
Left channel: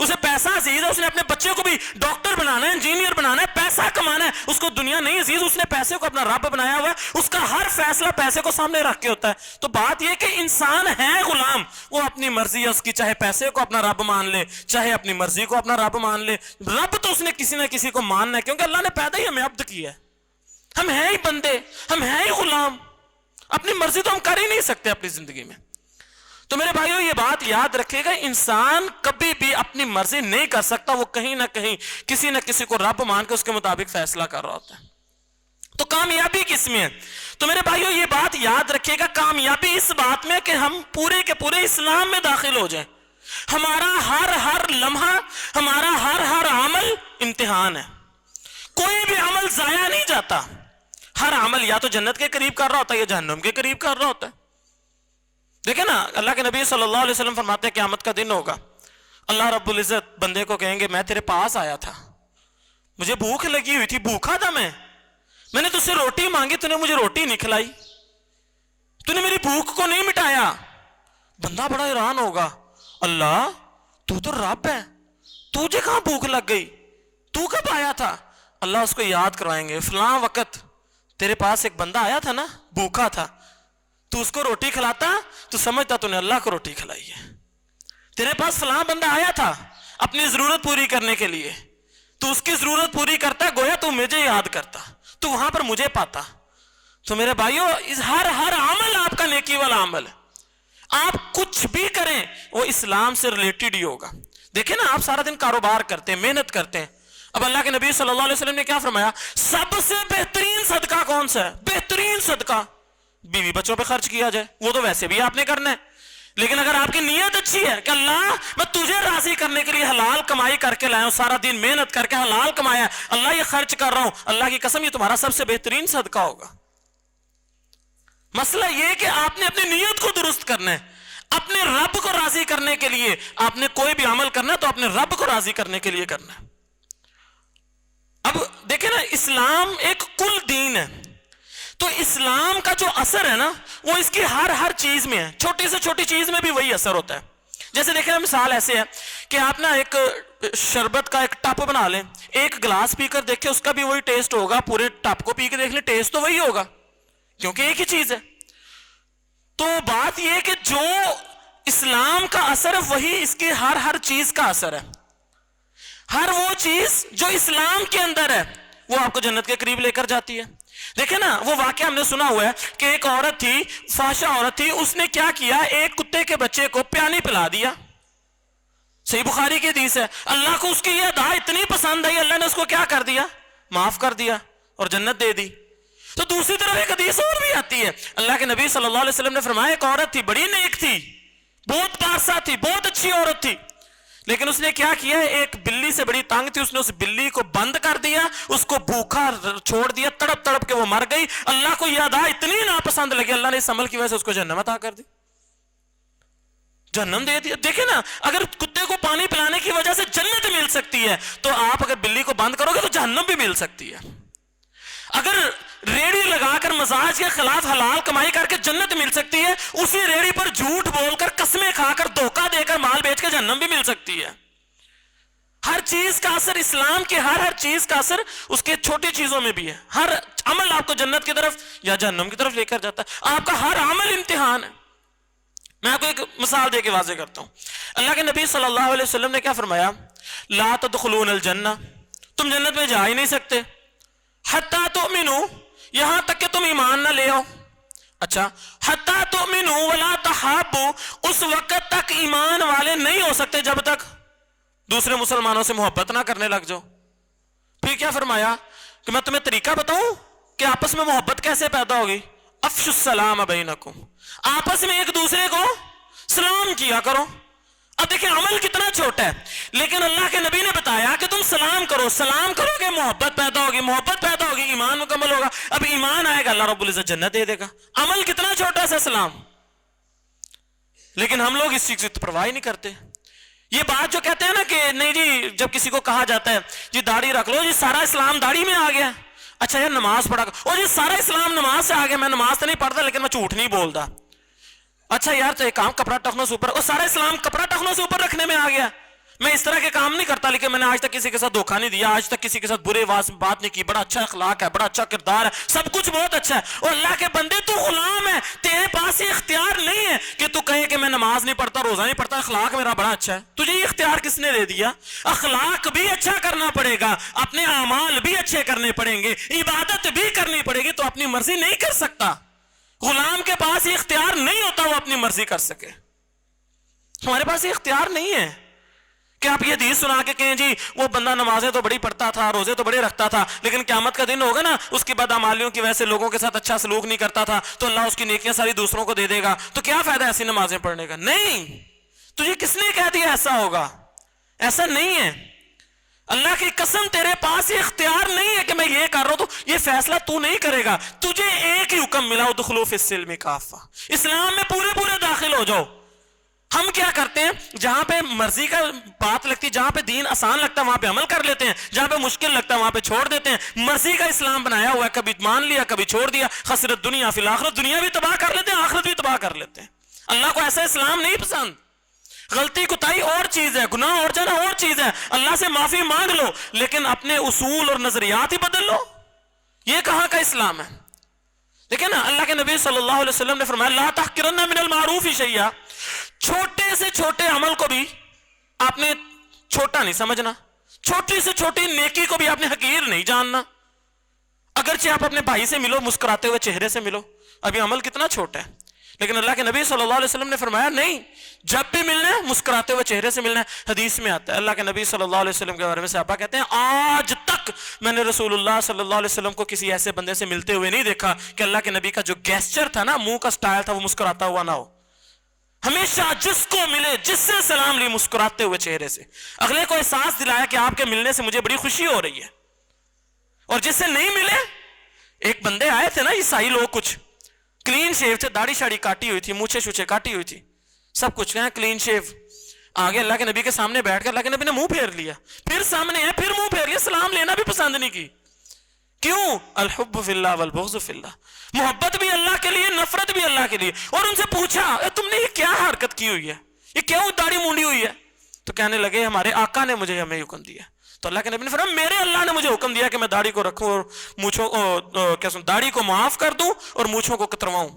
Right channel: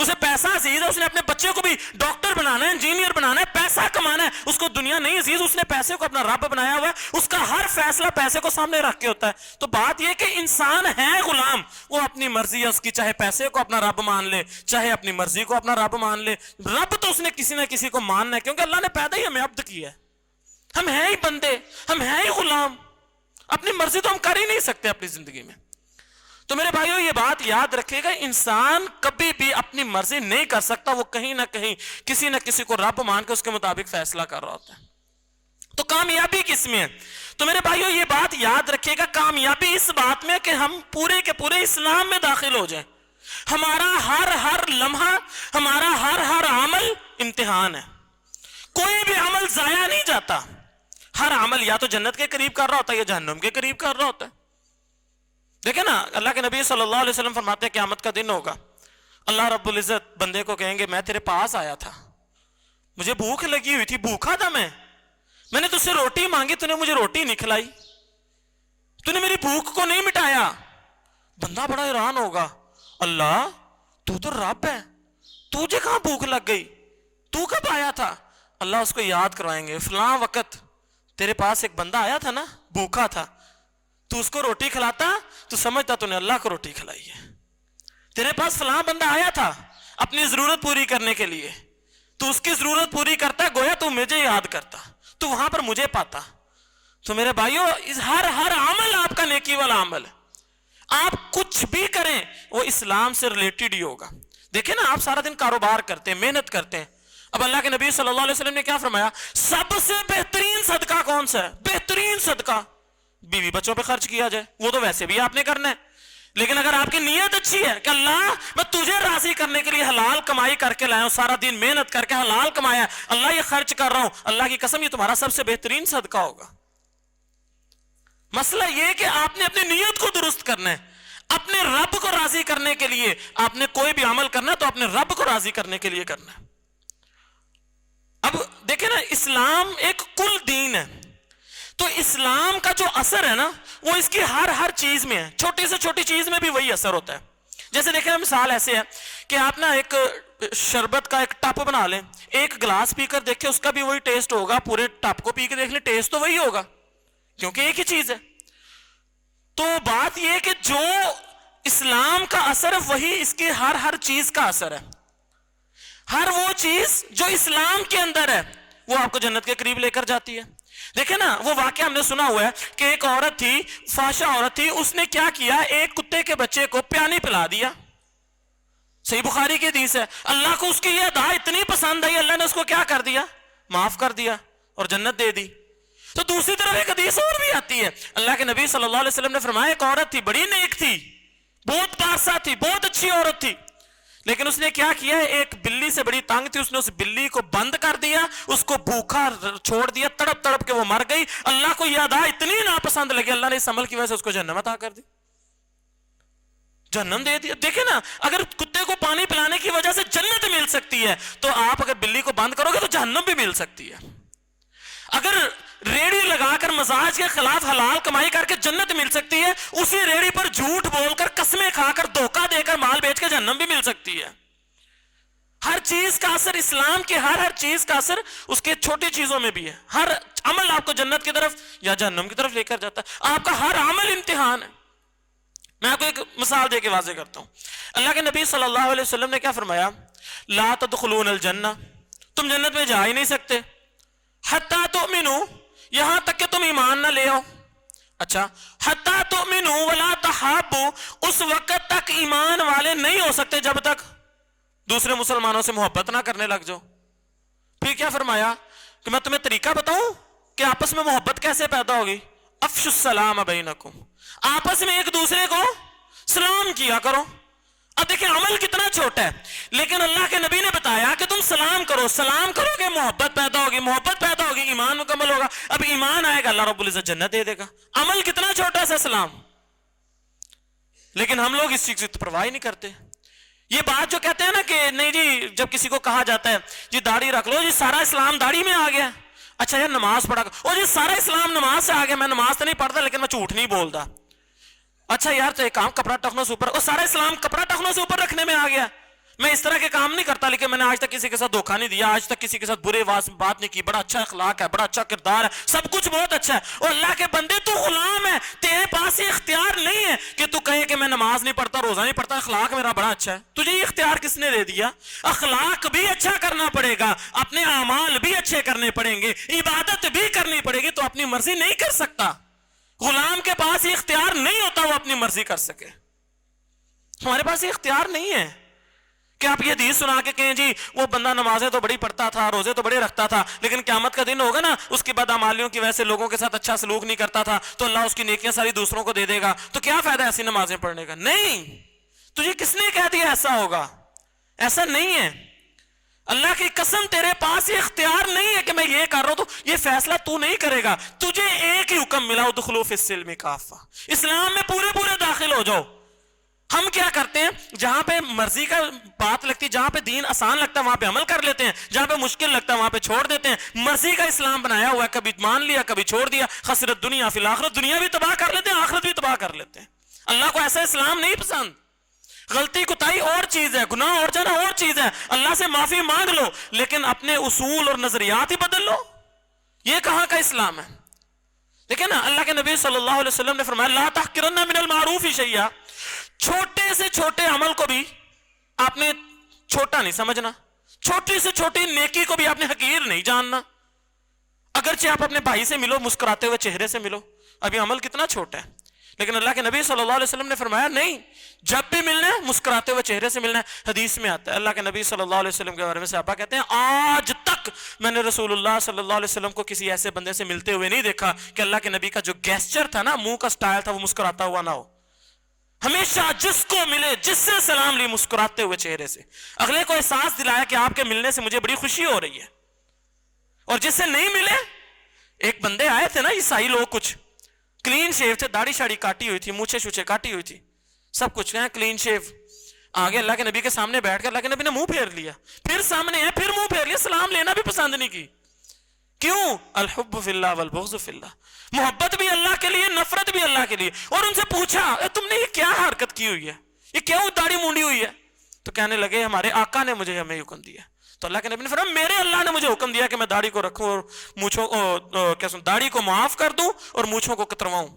اسے پیسہ عزیز ہے, اس نے اپنے بچے کو بھی ڈاکٹر بنانا ہے, انجینئر بنانا ہے, پیسہ کمانا ہے, اس کو دنیا نہیں عزیز, اس نے پیسے کو اپنا رب بنایا ہوا ہے, اس کا ہر فیصلہ پیسے کو سامنے رکھ کے ہوتا ہے. تو بات یہ کہ انسان ہے غلام, وہ اپنی مرضی ہے اس کی, چاہے پیسے کو اپنا رب مان لے, چاہے اپنی مرضی کو اپنا رب مان لے. رب تو اس نے کسی نہ کسی کو ماننا ہے, کیونکہ اللہ نے پیدا ہی ہمیں عبد کیا ہے. ہم ہیں ہی بندے, ہم ہیں ہی غلام, اپنی مرضی تو ہم کر ہی نہیں سکتے اپنی زندگی میں. تو میرے بھائیو یہ بات یاد رکھے گا, انسان کبھی بھی اپنی مرضی نہیں کر سکتا, وہ کہیں نہ کہیں کسی نہ کسی کو رب مان کے اس کے مطابق فیصلہ کر رہا ہوتا ہے. تو کامیابی کس میں ہے؟ تو میرے بھائیو یہ بات یاد رکھیے گا, کامیابی اس بات میں کہ ہم پورے کے پورے اسلام میں داخل ہو جائیں. ہمارا ہر لمحہ, ہمارا ہر عمل امتحان ہے. کوئی بھی عمل ضائع نہیں جاتا. ہر عمل یا تو جنت کے قریب کر رہا ہوتا ہے یا جہنم کے قریب کر رہا ہوتا ہے. دیکھیں نا, اللہ کے نبی صلی اللہ علیہ وسلم فرماتے ہیں قیامت کا دن ہوگا, اللہ رب العزت بندے کو کہیں گے میں تیرے پاس آیا تھا, مجھے بھوک لگی ہوئی تھی, بھوکا تھا میں نے تجھ سے روٹی مانگی, تو نے مجھے روٹی نہیں کھلائی, تو نے میری بھوک کو نہیں مٹایا. بندہ بڑا حیران ہوگا, اللہ تو رب ہے, تجھے کہاں بھوک لگ گئی, تو کب آیا تھا؟ اللہ اس کو یاد کروائیں گے, فلاں وقت تیرے پاس ایک بندہ آیا تھا نا, بھوکا تھا, تو اس کو روٹی کھلاتا تو سمجھتا تو نے اللہ کو روٹی کھلائی ہے. تیرے پاس فلاں بندہ آیا تھا اپنی ضرورت پوری کرنے کے لیے, تو اس کی ضرورت پوری کرتا ہے, گویا تو مجھے یاد کرتا, تو وہاں پر مجھے پاتا. تو میرے بھائیو ہر عمل آپ کا نیکی والا عمل ہے. آپ کچھ بھی کریں وہ اسلام سے ریلیٹڈ ہی ہوگا. دیکھیں نا, آپ سارا دن کاروبار کرتے ہیں, محنت کرتے ہیں. اب اللہ کے نبی صلی اللہ علیہ وسلم نے کیا فرمایا, سب سے بہترین صدقہ کون سا ہے؟ بہترین صدقہ بیوی بچوں پہ خرچ کیا جائے. وہ تو ویسے بھی آپ نے کرنا ہے, لیکن اگر آپ کی نیت اچھی ہے کہ اللہ میں تجھے راضی کرنے کے لیے حلال کمائی کر کے لایا ہوں, سارا دن محنت کر کے حلال کمایا, اللہ یہ خرچ کر رہا ہوں, اللہ کی قسم یہ تمہارا سب سے بہترین صدقہ ہوگا. مسئلہ یہ کہ آپ نے اپنی نیت کو درست کرنا ہے, اپنے رب کو راضی کرنے کے لیے آپ نے کوئی بھی عمل کرنا ہے تو اپنے رب کو راضی کرنے کے لیے کرنا ہے. اب دیکھیں نا, اسلام ایک کل دین ہے, تو اسلام کا جو اثر ہے نا وہ اس کی ہر چیز میں ہے, چھوٹی سے چھوٹی چیز میں بھی وہی اثر ہوتا ہے. جیسے دیکھیں نا, مثال ایسے ہے کہ آپ نا ایک شربت کا ایک ٹپ بنا لیں, ایک گلاس پی کر دیکھیں اس کا بھی وہی ٹیسٹ ہوگا, پورے ٹپ کو پی کے دیکھ لیں ٹیسٹ تو وہی ہوگا, کیونکہ ایک ہی چیز ہے. تو بات یہ ہے کہ جو اسلام کا اثر ہے وہی اس کی ہر چیز کا اثر ہے. ہر وہ چیز جو اسلام کے اندر ہے وہ آپ کو جنت کے قریب لے کر جاتی ہے. دیکھیں نا, وہ واقعہ ہم نے سنا ہوا ہے کہ ایک عورت تھی, فحشہ عورت تھی, اس نے کیا کیا, ایک کتے کے بچے کو پانی پلا دیا. صحیح بخاری کی حدیث ہے. اللہ کو اس کی یہ ادا اتنی پسند آئی, اللہ نے اس کو کیا کر دیا, معاف کر دیا اور جنت دے دی. تو دوسری طرف ایک حدیث اور بھی آتی ہے, اللہ کے نبی صلی اللہ علیہ وسلم نے فرمایا ایک عورت تھی, بڑی نیک تھی, بہت پاسا تھی, بہت اچھی عورت تھی, لیکن اس نے کیا کیا, ایک بلی سے بڑی تنگ تھی, اس نے اس بلی کو بند کر دیا, اس کو بھوکا چھوڑ دیا, تڑپ تڑپ کے وہ مر گئی. اللہ کو یہ ادا اتنی ناپسند لگی, اللہ نے اس عمل کی وجہ سے اس کو جہنم عطا کر دی, جہنم دے دیا. دیکھیں نا, اگر کتے کو پانی پلانے کی وجہ سے جنت مل سکتی ہے تو آپ اگر بلی کو بند کرو گے تو جہنم بھی مل سکتی ہے. اگر ریڑھی لگا کر مزاج کے خلاف حلال کمائی کر کے جنت مل سکتی ہے, اسی ریڑھی پر جھوٹ بول کر, قسمیں کھا کر, دھوکہ دے کر مال بیچ کے جہنم بھی مل سکتی ہے. ہر چیز کا اثر, اسلام کے ہر چیز کا اثر اس کے چھوٹی چیزوں میں بھی ہے. ہر عمل آپ کو جنت کی طرف یا جہنم کی طرف لے کر جاتا ہے. آپ کا ہر عمل امتحان ہے. میں آپ کو ایک مثال دے کے واضح کرتا ہوں. اللہ کے نبی صلی اللہ علیہ وسلم نے کیا فرمایا, لا تدخلون الجنہ, تم جنت میں جا ہی نہیں سکتے, حتی تؤمنوا, یہاں تک کہ تم ایمان نہ لے آؤ. اچھا, حتی تؤمنوا ولا تحابوا, اس وقت تک ایمان والے نہیں ہو سکتے جب تک دوسرے مسلمانوں سے محبت نہ کرنے لگ جاؤ. پھر کیا فرمایا کہ میں تمہیں طریقہ بتاؤں کہ آپس میں محبت کیسے پیدا ہوگی, افشوا السلام بینکم, آپس میں ایک دوسرے کو سلام کیا کرو. اب دیکھیں عمل کتنا چھوٹا ہے, لیکن اللہ کے نبی نے بتایا کہ تم سلام کرو, سلام کرو گے محبت پیدا ہوگی, محبت پیدا ہوگی ایمان مکمل ہوگا, اب ایمان آئے گا اللہ رب العزت جنت دے دے گا. عمل کتنا چھوٹا ہے سلام, لیکن ہم لوگ اس چیز کی پرواہ نہیں کرتے. یہ بات جو کہتے ہیں نا کہ نہیں جی, جب کسی کو کہا جاتا ہے جی داڑھی رکھ لو, جی سارا اسلام داڑھی میں آ گیا, اچھا یہ نماز پڑھا, اور یہ سارا اسلام نماز سے آ گیا, میں نماز تو نہیں پڑھتا لیکن میں جھوٹ نہیں بولتا, اچھا یار تو ایک کام کپڑا ٹخنوں سے اوپر, اور سارا اسلام کپڑا ٹخنوں سے اوپر رکھنے میں آ گیا, میں اس طرح کے کام نہیں کرتا، لیکن میں نے آج تک کسی کے ساتھ دھوکہ نہیں دیا، آج تک کسی کے ساتھ برے بات نہیں کی، بڑا اچھا اخلاق ہے، بڑا اچھا کردار ہے، سب کچھ بہت اچھا ہے. اور اللہ کے بندے تو غلام ہے، تیرے پاس یہ اختیار نہیں ہے کہ تو کہے کہ میں نماز نہیں پڑھتا، روزہ نہیں پڑھتا، اخلاق میرا بڑا اچھا ہے. تجھے یہ اختیار کس نے دے دیا؟ اخلاق بھی اچھا کرنا پڑے گا، اپنے اعمال بھی اچھے کرنے پڑیں گے، عبادت بھی کرنی پڑے گی. تو اپنی مرضی نہیں کر سکتا. غلام کے پاس یہ اختیار نہیں ہوتا وہ اپنی مرضی کر سکے. ہمارے پاس یہ اختیار نہیں ہے کہ آپ یہ حدیث سنا کے کہیں جی وہ بندہ نمازیں تو بڑی پڑھتا تھا، روزے تو بڑے رکھتا تھا، لیکن قیامت کا دن ہوگا نا اس کی بدعمالیوں کی وجہ سے لوگوں کے ساتھ اچھا سلوک نہیں کرتا تھا تو اللہ اس کی نیکیاں ساری دوسروں کو دے دے گا، تو کیا فائدہ ایسی نمازیں پڑھنے کا؟ نہیں. تجھے کس نے کہہ دیا ایسا ہوگا؟ ایسا نہیں ہے. اللہ کی قسم تیرے پاس یہ اختیار نہیں ہے کہ میں یہ کر رہا ہوں تو یہ فیصلہ تو نہیں کرے گا. تجھے ایک ہی حکم ملا، ادخلوا فی السلم کافہ، اسلام میں پورے داخل ہو جاؤ. ہم کیا کرتے ہیں؟ جہاں پہ مرضی کا بات لگتی ہے، جہاں پہ دین آسان لگتا ہے وہاں پہ عمل کر لیتے ہیں، جہاں پہ مشکل لگتا ہے وہاں پہ چھوڑ دیتے ہیں. مرضی کا اسلام بنایا ہوا ہے، کبھی مان لیا کبھی چھوڑ دیا. خسرت دنیا فی الآخرت، دنیا بھی تباہ کر لیتے ہیں، آخرت بھی تباہ کر لیتے ہیں. اللہ کو ایسا اسلام نہیں پسند. غلطی کوتاہی اور چیز ہے، گناہ اور جانا اور چیز ہے، اللہ سے معافی مانگ لو، لیکن اپنے اصول اور نظریات ہی بدل لو. یہ کہاں کا اسلام ہے؟ دیکھیں نا، اللہ کے نبی صلی اللہ علیہ وسلم نے فرمایا لا تحقرن من المعروف شیئا، چھوٹے سے چھوٹے عمل کو بھی آپ نے چھوٹا نہیں سمجھنا، چھوٹی سے چھوٹی نیکی کو بھی آپ نے حقیر نہیں جاننا. اگرچہ آپ اپنے بھائی سے ملو، مسکراتے ہوئے چہرے سے ملو، اب یہ عمل کتنا چھوٹا ہے، لیکن اللہ کے نبی صلی اللہ علیہ وسلم نے فرمایا نہیں، جب بھی ملنا ہے مسکراتے ہوئے چہرے سے ملنا ہے. حدیث میں آتا ہے، اللہ کے نبی صلی اللہ علیہ وسلم کے بارے میں صحابہ کہتے ہیں آج تک میں نے رسول اللہ صلی اللہ علیہ وسلم کو کسی ایسے بندے سے ملتے ہوئے نہیں دیکھا کہ اللہ کے نبی کا جو گیسچر تھا نا، منہ کا سٹائل تھا، وہ مسکراتا ہوا نہ ہو. ہمیشہ جس کو ملے، جس سے سلام لی، مسکراتے ہوئے چہرے سے، اگلے کو احساس دلایا کہ آپ کے ملنے سے مجھے بڑی خوشی ہو رہی ہے. اور جس سے نہیں ملے، ایک بندے آئے تھے نا عیسائی لوگ، کچھ کلین شیو تھے، داڑھی شاڑی کاٹی ہوئی تھی، مونچھیں شوچھیں کاٹی ہوئی تھی، سب کچھ ہے کلین شیو. آگے اللہ کے نبی کے سامنے بیٹھ کے اللہ کے نبی نے منہ پھیر لیا، پھر سامنے ہے، پھر منہ پھیر لیا، سلام لینا بھی پسند نہیں کی. کیوں؟ الحب فی اللہ والبغض فی اللہ، محبت بھی اللہ کے لیے، نفرت بھی اللہ کے لیے. اور ان سے پوچھا تم نے یہ کیا حرکت کی ہوئی ہے، یہ کیا داڑھی مونڈی ہوئی ہے؟ تو کہنے لگے ہمارے آقا نے مجھے ہمیں حکم دیا. تو اللہ کے نبی نے فرمایا میرے اللہ نے مجھے حکم دیا کہ میں داڑھی کو رکھوں اور مونچھوں کو داڑھی کو معاف کر دوں اور مونچھوں کو کترواؤں.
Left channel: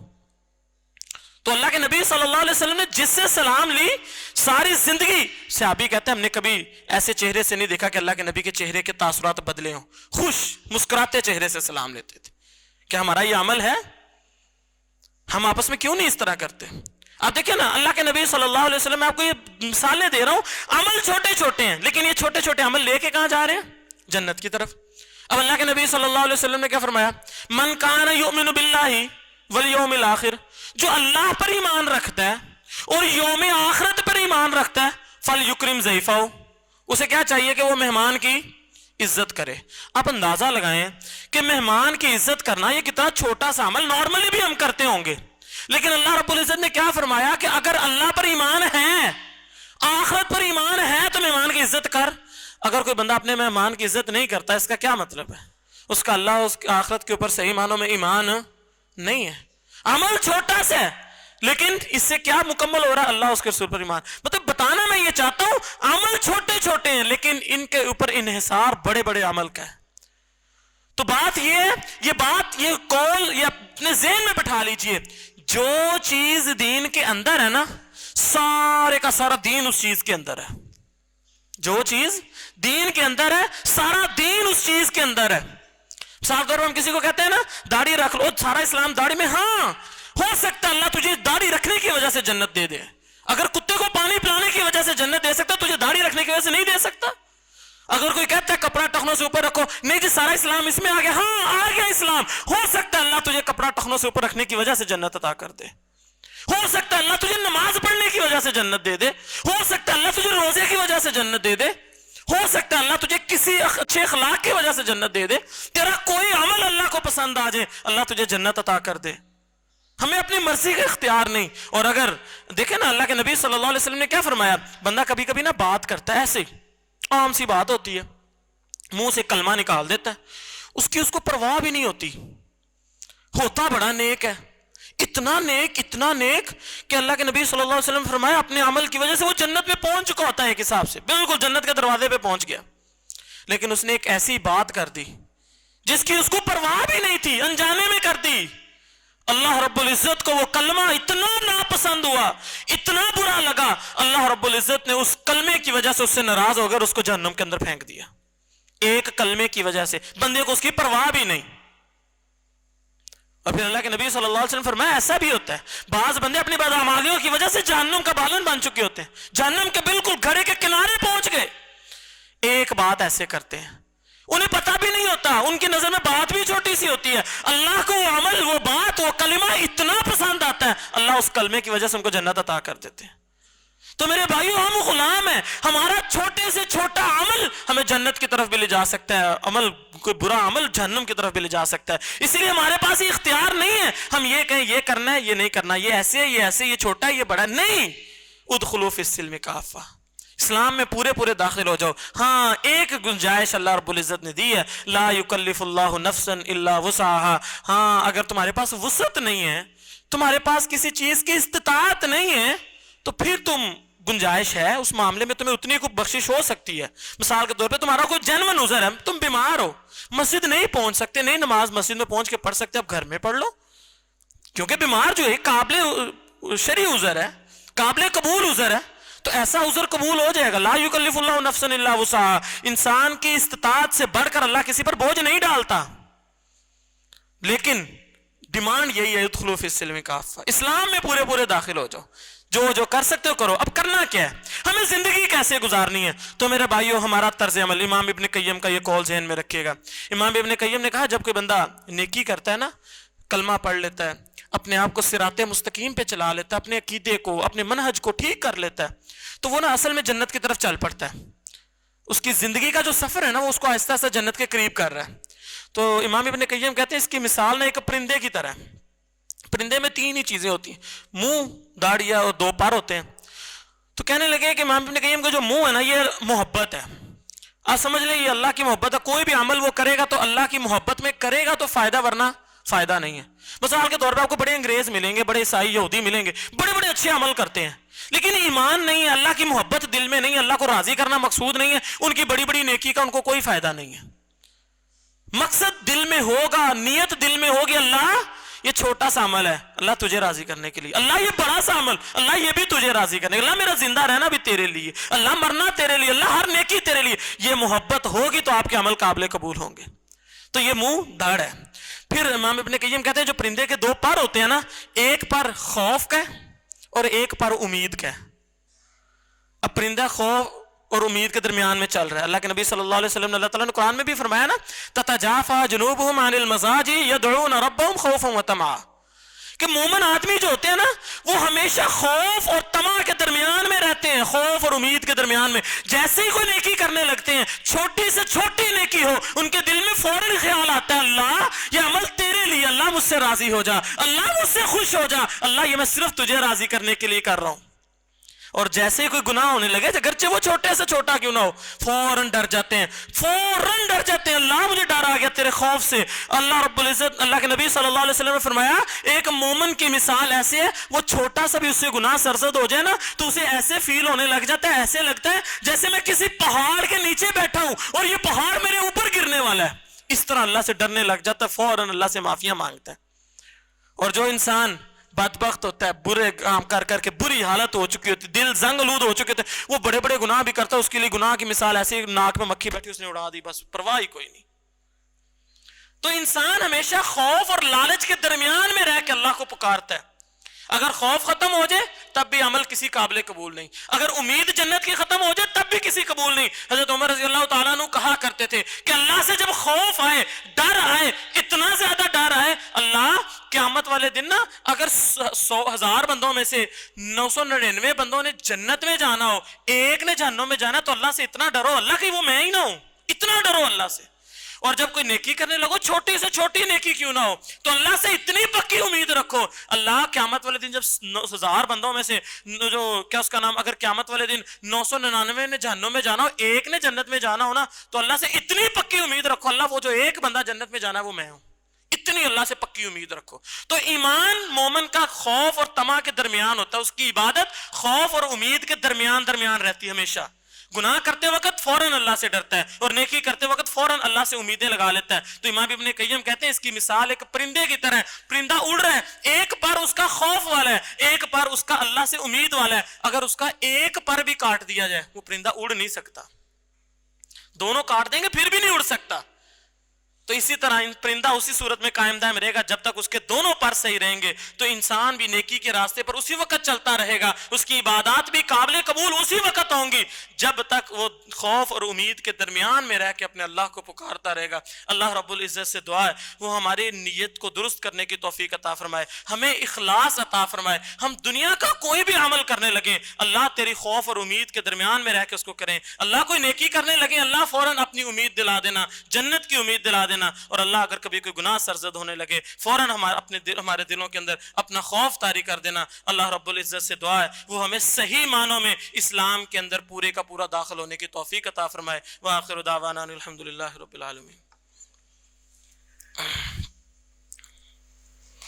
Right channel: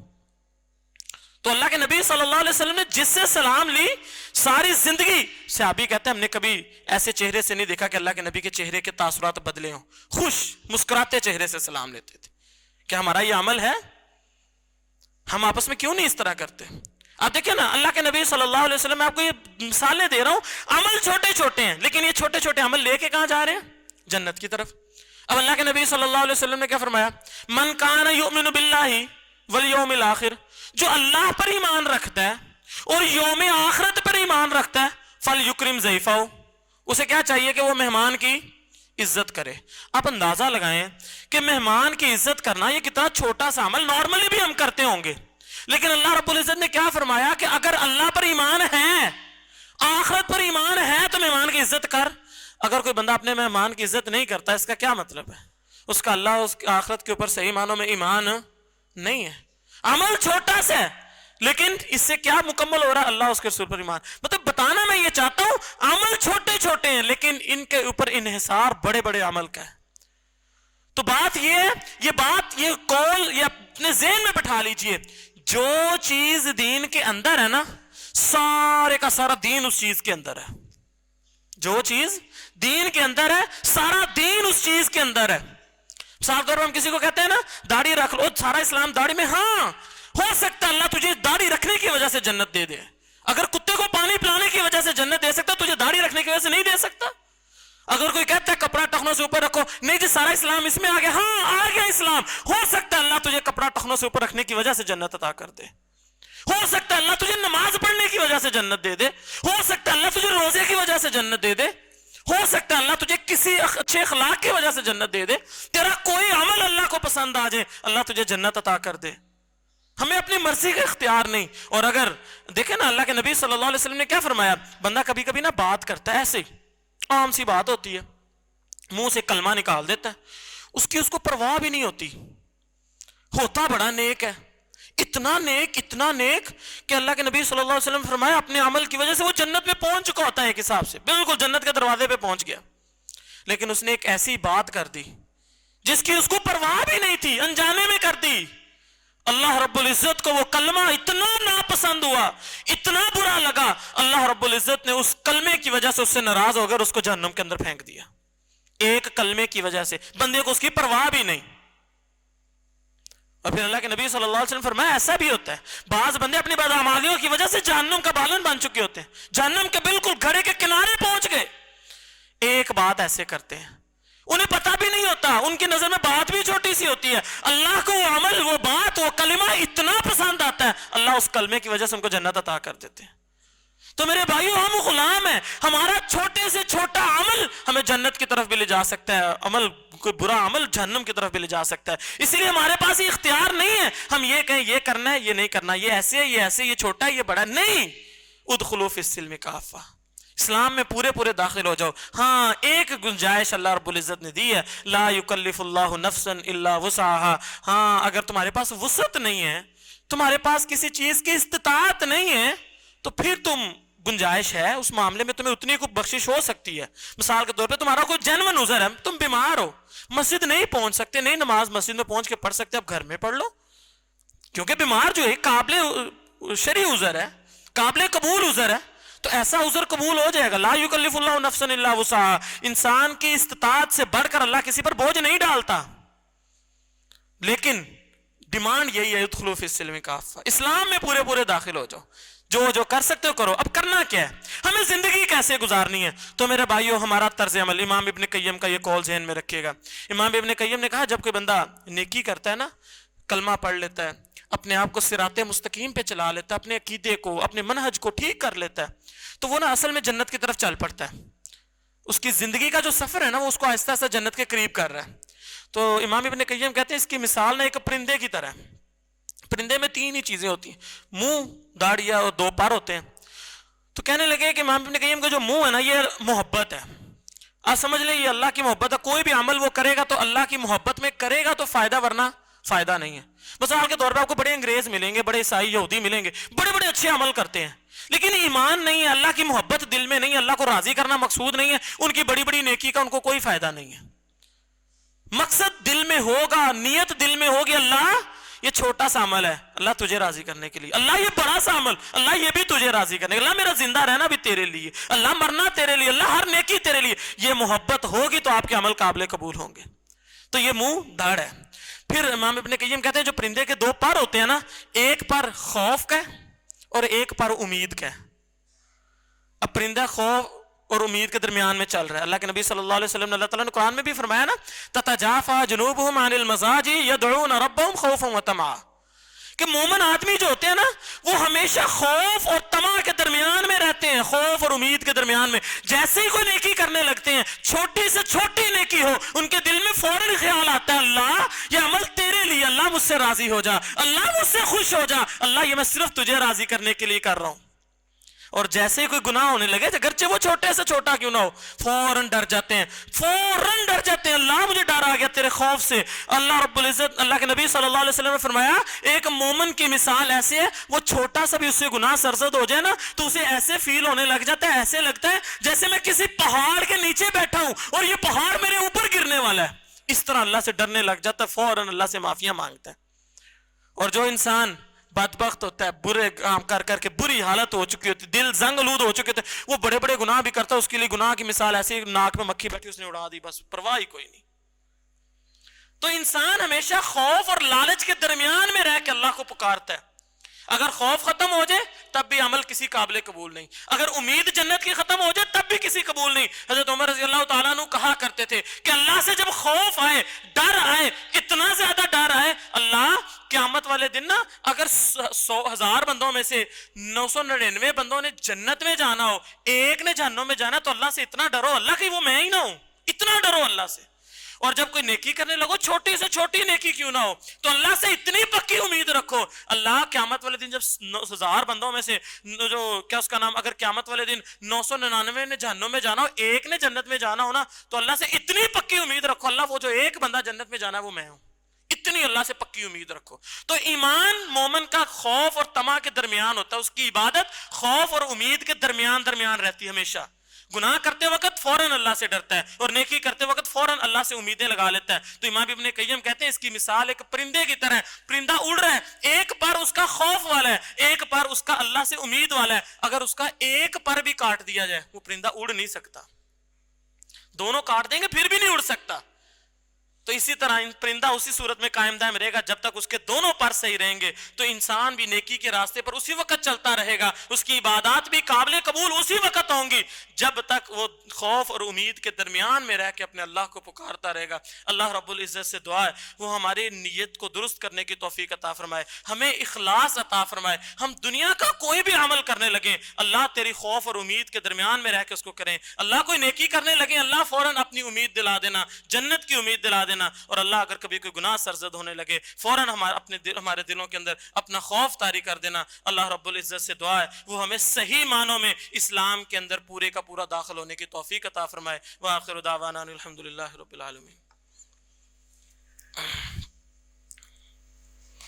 تو اللہ کے نبی صلی اللہ علیہ وسلم نے جس سے سلام لی، ساری زندگی صحابی کہتے ہیں ہم نے کبھی ایسے چہرے سے نہیں دیکھا کہ اللہ کے نبی کے چہرے کے تاثرات بدلے ہوں. خوش مسکراتے چہرے سے سلام لیتے تھے. کیا ہمارا یہ عمل ہے؟ ہم آپس میں کیوں نہیں اس طرح کرتے؟ آپ دیکھیں نا، اللہ کے نبی صلی اللہ علیہ وسلم، میں آپ کو یہ مثالیں دے رہا ہوں، عمل چھوٹے چھوٹے ہیں، لیکن یہ چھوٹے چھوٹے عمل لے کے کہاں جا رہے ہیں؟ جنت کی طرف. اب اللہ کے نبی صلی اللہ علیہ وسلم نے کیا فرمایا؟ من کان یؤمن باللہ والیوم الآخر، جو اللہ پر ایمان رکھتا ہے اور یوم آخرت پر ایمان رکھتا ہے، فلیکرم ضیفہ، اسے کیا چاہیے کہ وہ مہمان کی عزت کرے. آپ اندازہ لگائیں کہ مہمان کی عزت کرنا یہ کتنا چھوٹا سا عمل، نارملی بھی ہم کرتے ہوں گے، لیکن اللہ رب العزت نے کیا فرمایا کہ اگر اللہ پر ایمان ہے، آخرت پر ایمان ہے تو مہمان کی عزت کر. اگر کوئی بندہ اپنے مہمان کی عزت نہیں کرتا، اس کا کیا مطلب ہے؟ اس کا اللہ اس کی آخرت کے اوپر صحیح معنوں میں ایمان نہیں ہے. عمل چھوٹا سا ہے لیکن اس سے کیا مکمل ہو رہا ہے؟ اللہ اس کے اوپر ایمان. مطلب بتانا میں یہ چاہتا ہوں عمل چھوٹے چھوٹے ہیں لیکن ان کے اوپر انحصار بڑے بڑے عمل کا ہے. تو بات یہ قول یہ اپنے ذہن میں بٹھا لیجئے، جو چیز دین کے اندر ہے نا، سارے کا سارا دین اس چیز کے اندر ہے. جو چیز دین کے اندر ہے، سارا دین اس چیز کے اندر ہے. صاف طور پر ہم کسی کو کہتے ہیں نا داڑھی رکھ لو، سارا اسلام داڑھی میں. ہاں ہو سکتا ہے اللہ تجھے داڑھی رکھنے کی وجہ سے جنت دے دے. اگر کتے کو پانی پلانے کی وجہ سے جنت دے سکتا، تجھے داڑھی رکھنے کی وجہ سے نہیں دے سکتا. اگر کوئی کہتا ہے کپڑا ٹخنوں سے اوپر رکھو، نہیں جی سارا اسلام اس میں آ گیا. ہاں آ گیا اسلام. ہو سکتا ہے اللہ تجھے کپڑا ٹخنوں سے اوپر رکھنے کی وجہ سے جنت عطا کر دے. ہو سکتا ہے اللہ تجھے نماز پڑھنے کی وجہ سے جنت دے دے. ہو سکتا ہے اللہ تجھے روزے کی وجہ سے جنت دے دے. ہو سکتا ہے اللہ تجھے کسی اچھے اخلاق کی وجہ سے جنت دے دے. تیرا کوئی عمل اللہ کو پسند آ جائے، اللہ تجھے جنت عطا کر دے. ہمیں اپنی مرضی کا اختیار نہیں. اور اگر دیکھیں نا اللہ کے نبی صلی اللہ علیہ وسلم نے کیا فرمایا، بندہ کبھی کبھی نا بات کرتا ہے ایسے ہی، عام سی بات ہوتی ہے، منہ سے کلمہ نکال دیتا ہے، اس کو پرواہ بھی نہیں ہوتی، ہوتا بڑا نیک ہے، اتنا نیک کہ اللہ کے نبی صلی اللہ علیہ وسلم فرمایا اپنے عمل کی وجہ سے وہ جنت میں پہنچ چکا ہوتا ہے ایک حساب سے، بالکل جنت کے دروازے پہ پہنچ گیا، لیکن اس نے ایک ایسی بات کر دی جس کی اس کو پرواہ بھی نہیں تھی، انجانے میں کر دی۔ اللہ رب العزت کو وہ کلمہ اتنا ناپسند ہوا، اتنا برا لگا، اللہ رب العزت نے اس کلمے کی وجہ سے اس سے ناراض ہو کر اس کو جہنم کے اندر پھینک دیا، ایک کلمے کی وجہ سے، بندے کو اس کی پرواہ بھی نہیں۔ اور پھر اللہ کے نبی صلی اللہ علیہ وسلم فرمایا ایسا بھی ہوتا ہے، بعض بندے اپنی بدعمالیوں کی وجہ سے جہنم کا بالن بن چکے ہوتے ہیں، جہنم کے بالکل گھڑے کے کنارے پہنچ گئے، ایک بات ایسے کرتے ہیں، انہیں پتہ بھی نہیں ہوتا، ان کی نظر میں بات بھی چھوٹی سی ہوتی ہے، اللہ کو وہ عمل، وہ بات، وہ کلمہ اتنا پسند آتا ہے، اللہ اس کلمے کی وجہ سے ان کو جنت عطا کر دیتے ہیں۔ تو میرے بھائیو، ہم غلام ہیں، ہمارا چھوٹے سے چھوٹا عمل ہمیں جنت کی طرف بھی لے جا سکتا ہے، عمل کوئی برا عمل جہنم کی طرف بھی لے جا سکتا ہے، اسی لیے ہمارے پاس یہ اختیار نہیں ہے ہم یہ کہیں یہ کرنا ہے یہ نہیں کرنا، یہ ایسے ہے یہ ایسے، یہ چھوٹا ہے یہ بڑا، نہیں۔ ادخلوا فی السلم کافہ، اسلام میں پورے داخل ہو جاؤ۔ ہاں ایک گنجائش اللہ رب العزت نے دی ہے، لا یکلف اللہ نفسا الا وسعها، ہاں اگر تمہارے پاس وسعت نہیں ہے، تمہارے پاس کسی چیز کی استطاعت نہیں ہے، تو پھر تم گنجائش ہے اس معاملے میں، تمہیں اتنی کو بخشش ہو سکتی ہے۔ مثال کے طور پہ تمہارا کوئی جنون عذر ہے، تم بیمار ہو، مسجد نہیں پہنچ سکتے، نہیں نماز مسجد میں پہنچ کے پڑھ سکتے، اب گھر میں پڑھ لو، کیونکہ بیمار جو ہے قابل شرعی عذر ہے، قابل قبول عذر ہے، تو ایسا عذر قبول ہو جائے گا۔ لا یکلف اللہ نفسا الا وسعها، انسان کی استطاعت سے بڑھ کر اللہ کسی پر بوجھ نہیں ڈالتا، لیکن ڈیمانڈ یہی ہے ادخلوا فی السلم کافہ، اسلام میں پورے داخل ہو جاؤ، جو کر سکتے ہو کرو۔ اب کرنا کیا ہے، ہمیں زندگی کیسے گزارنی ہے؟ تو میرے بھائیو، ہمارا طرز عمل، امام ابن قیم کا یہ قول ذہن میں رکھیے گا۔ امام ابن قیم نے کہا جب کوئی بندہ نیکی کرتا ہے نا، کلمہ پڑھ لیتا ہے، اپنے آپ کو صراط مستقیم پہ چلا لیتا ہے، اپنے عقیدے کو، اپنے منہج کو ٹھیک کر لیتا ہے، تو وہ نا اصل میں جنت کی طرف چل پڑتا ہے، اس کی زندگی کا جو سفر ہے نا، وہ اس کو آہستہ آہستہ جنت کے قریب کر رہا ہے۔ تو امام ابن قیم کہتے ہیں اس کی مثال نا ایک پرندے کی طرح ہے۔ پرندے میں تین ہی چیزیں ہوتی ہیں، منہ، داڑھی اور دو پر ہوتے ہیں۔ تو کہنے لگے کہ امام ابن قیم کا جو منہ ہے نا، یہ محبت ہے، آپ سمجھ لیں یہ اللہ کی محبت ہے، کوئی بھی عمل وہ کرے گا تو اللہ کی محبت میں کرے گا تو فائدہ، ورنہ فائدہ نہیں ہے۔ مثال کے طور پر آپ کو بڑے انگریز ملیں گے، بڑے عیسائی یہودی ملیں گے، بڑے اچھے عمل کرتے ہیں، لیکن ایمان نہیں ہے، اللہ کی محبت دل میں نہیں ہے، اللہ کو راضی کرنا مقصود نہیں ہے، ان کی بڑی نیکی کا ان کو کوئی فائدہ نہیں ہے۔ مقصد دل میں ہوگا، نیت دل میں ہوگی، اللہ یہ چھوٹا سا عمل ہے اللہ تجھے راضی کرنے کے لیے، اللہ یہ بڑا سا عمل اللہ یہ بھی تجھے راضی کرنے، اللہ میرا زندہ رہنا بھی تیرے لیے، اللہ مرنا تیرے لیے، اللہ ہر نیکی تیرے لیے، یہ محبت ہوگی تو آپ کے عمل قابل قبول ہوں گے۔ تو یہ منہ داڑھ ہے۔ پھر امام ابن قیم کہتے ہیں جو پرندے کے دو پر ہوتے ہیں نا، ایک پر خوف کا اور ایک پر امید کا۔ اب پرندہ خوف اور امید کے درمیان میں چل رہا ہے۔ اللہ کے نبی صلی اللہ علیہ وسلم نے اللہ تعالیٰ نے قرآن میں بھی فرمایا نا، تتجافى جنوبهم عن المضاجع يدعون ربهم خوفا وطمعا، کہ مومن آدمی جو ہوتے ہیں نا، وہ ہمیشہ خوف اور طمع کے درمیان میں رہتے ہیں، خوف اور امید کے درمیان میں۔ جیسے ہی کوئی نیکی کرنے لگتے ہیں، چھوٹی سے چھوٹی نیکی ہو، ان کے دل میں فوراً خیال آتا ہے اللہ یہ عمل تیرے لیے، اللہ مجھ سے راضی ہو جا، اللہ مجھ سے خوش ہو جا، اللہ یہ میں صرف تجھے راضی کرنے کے لیے کر رہا ہوں۔ اور جیسے ہی کوئی گناہ ہونے لگے، اگرچہ وہ چھوٹے سے چھوٹا کیوں نہ ہو، فوراً ڈر جاتے ہیں، اللہ مجھے ڈر آ گیا تیرے خوف سے۔ اللہ رب العزت، اللہ کے نبی صلی اللہ علیہ وسلم نے فرمایا ایک مومن کی مثال ایسی ہے، وہ چھوٹا سا بھی اس سے گناہ سرزد ہو جائے نا تو اسے ایسے فیل ہونے لگ جاتا ہے، ایسے لگتا ہے جیسے میں کسی پہاڑ کے نیچے بیٹھا ہوں اور یہ پہاڑ میرے اوپر گرنے والا ہے، اس طرح اللہ سے ڈرنے لگ جاتا ہے، فوراً اللہ سے معافیاں مانگتا ہے۔ اور جو انسان بدبخت ہوتا ہے، برے کام کر کر کے بری حالت ہو چکی ہوتی، دل زنگ آلود ہو چکے تھے، وہ بڑے گناہ بھی کرتا ہے، اس کے لیے گناہ کی مثال ایسی ناک میں مکھی بیٹھی اس نے اڑا دی، بس پرواہ ہی کوئی نہیں۔ تو انسان ہمیشہ خوف اور لالچ کے درمیان میں رہ کے اللہ کو پکارتا ہے۔ اگر خوف ختم ہو جائے تب بھی عمل کسی قابل قبول نہیں، اگر امید جنت کی ختم ہو جائے تب بھی کسی قبول نہیں۔ حضرت عمر رضی اللہ تعالیٰ عنہ کہا کرتے تھے کہ اللہ سے جب خوف آئے، ڈر آئے، اتنا زیادہ ڈر آئے، اللہ قیامت والے دن نا اگر 100,000 بندوں میں سے 999 بندوں نے جنت میں جانا ہو، ایک نے جہنم میں جانا، تو اللہ سے اتنا ڈرو اللہ کہ وہ میں ہی نہ ہوں، اتنا ڈرو اللہ سے۔ اور جب کوئی نیکی کرنے لگو، چھوٹی سے چھوٹی نیکی کیوں نہ ہو، تو اللہ سے اتنی پکی امید رکھو، اللہ قیامت والے دن جب 9,000 بندوں میں سے جو کیا اس کا نام، اگر قیامت والے دن 999 نے جہنم میں جانا ہو، ایک نے جنت میں جانا ہو نا، تو اللہ سے اتنی پکی امید رکھو اللہ وہ جو ایک بندہ جنت میں جانا ہے وہ میں ہوں، اتنی اللہ سے پکی امید رکھو. تو ایمان مومن کا خوف اور طمع کے درمیان ہوتا ہے. اس کی عبادت خوف اور امید کے درمیان رہتی ہے ہمیشہ. گناہ کرتے وقت فوراً اللہ سے ڈرتا ہے اور نیکی کرتے وقت فوراً اللہ سے امیدیں لگا لیتا ہے. تو امام ابن قیم کہتے ہیں اس کی مثال ایک پرندے کی طرح ہے. پرندہ اڑ رہا ہے, ایک پر اس کا خوف والا ہے, ایک پر اس کا اللہ سے امید والا ہے. اگر اس کا ایک پر بھی کاٹ دیا جائے وہ پرندہ اڑ نہیں سکتا. دونوں کاٹ دیں گے پھر بھی نہیں اڑ سکتا. تو اسی طرح پرندہ اسی صورت میں قائم دائم رہے گا جب تک اس کے دونوں پر صحیح رہیں گے. تو انسان بھی نیکی کے راستے پر اسی وقت چلتا رہے گا, اس کی عبادات بھی قابل قبول اسی وقت ہوں گی جب تک وہ خوف اور امید کے درمیان میں رہ کے اپنے اللہ کو پکارتا رہے گا. اللہ رب العزت سے دعا ہے وہ ہماری نیت کو درست کرنے کی توفیق عطا فرمائے, ہمیں اخلاص عطا فرمائے. ہم دنیا کا کوئی بھی عمل کرنے لگے, اللہ تیری خوف اور امید کے درمیان میں رہ کے اس کو کریں. اللہ کوئی نیکی کرنے لگے, اللہ فوراً اپنی امید دلا دینا, جنت کی امید دلا دینا. اور اللہ اگر کبھی کوئی گناہ سرزد ہونے لگے فوراً ہمارے دلوں کے اندر اپنا خوف طاری کر دینا. اللہ رب العزت سے دعا ہے وہ ہمیں صحیح معنوں میں اسلام کے اندر پورے کا پورا داخل ہونے کی توفیق عطا فرمائے. وآخر دعوانا الحمدللہ رب العالمین.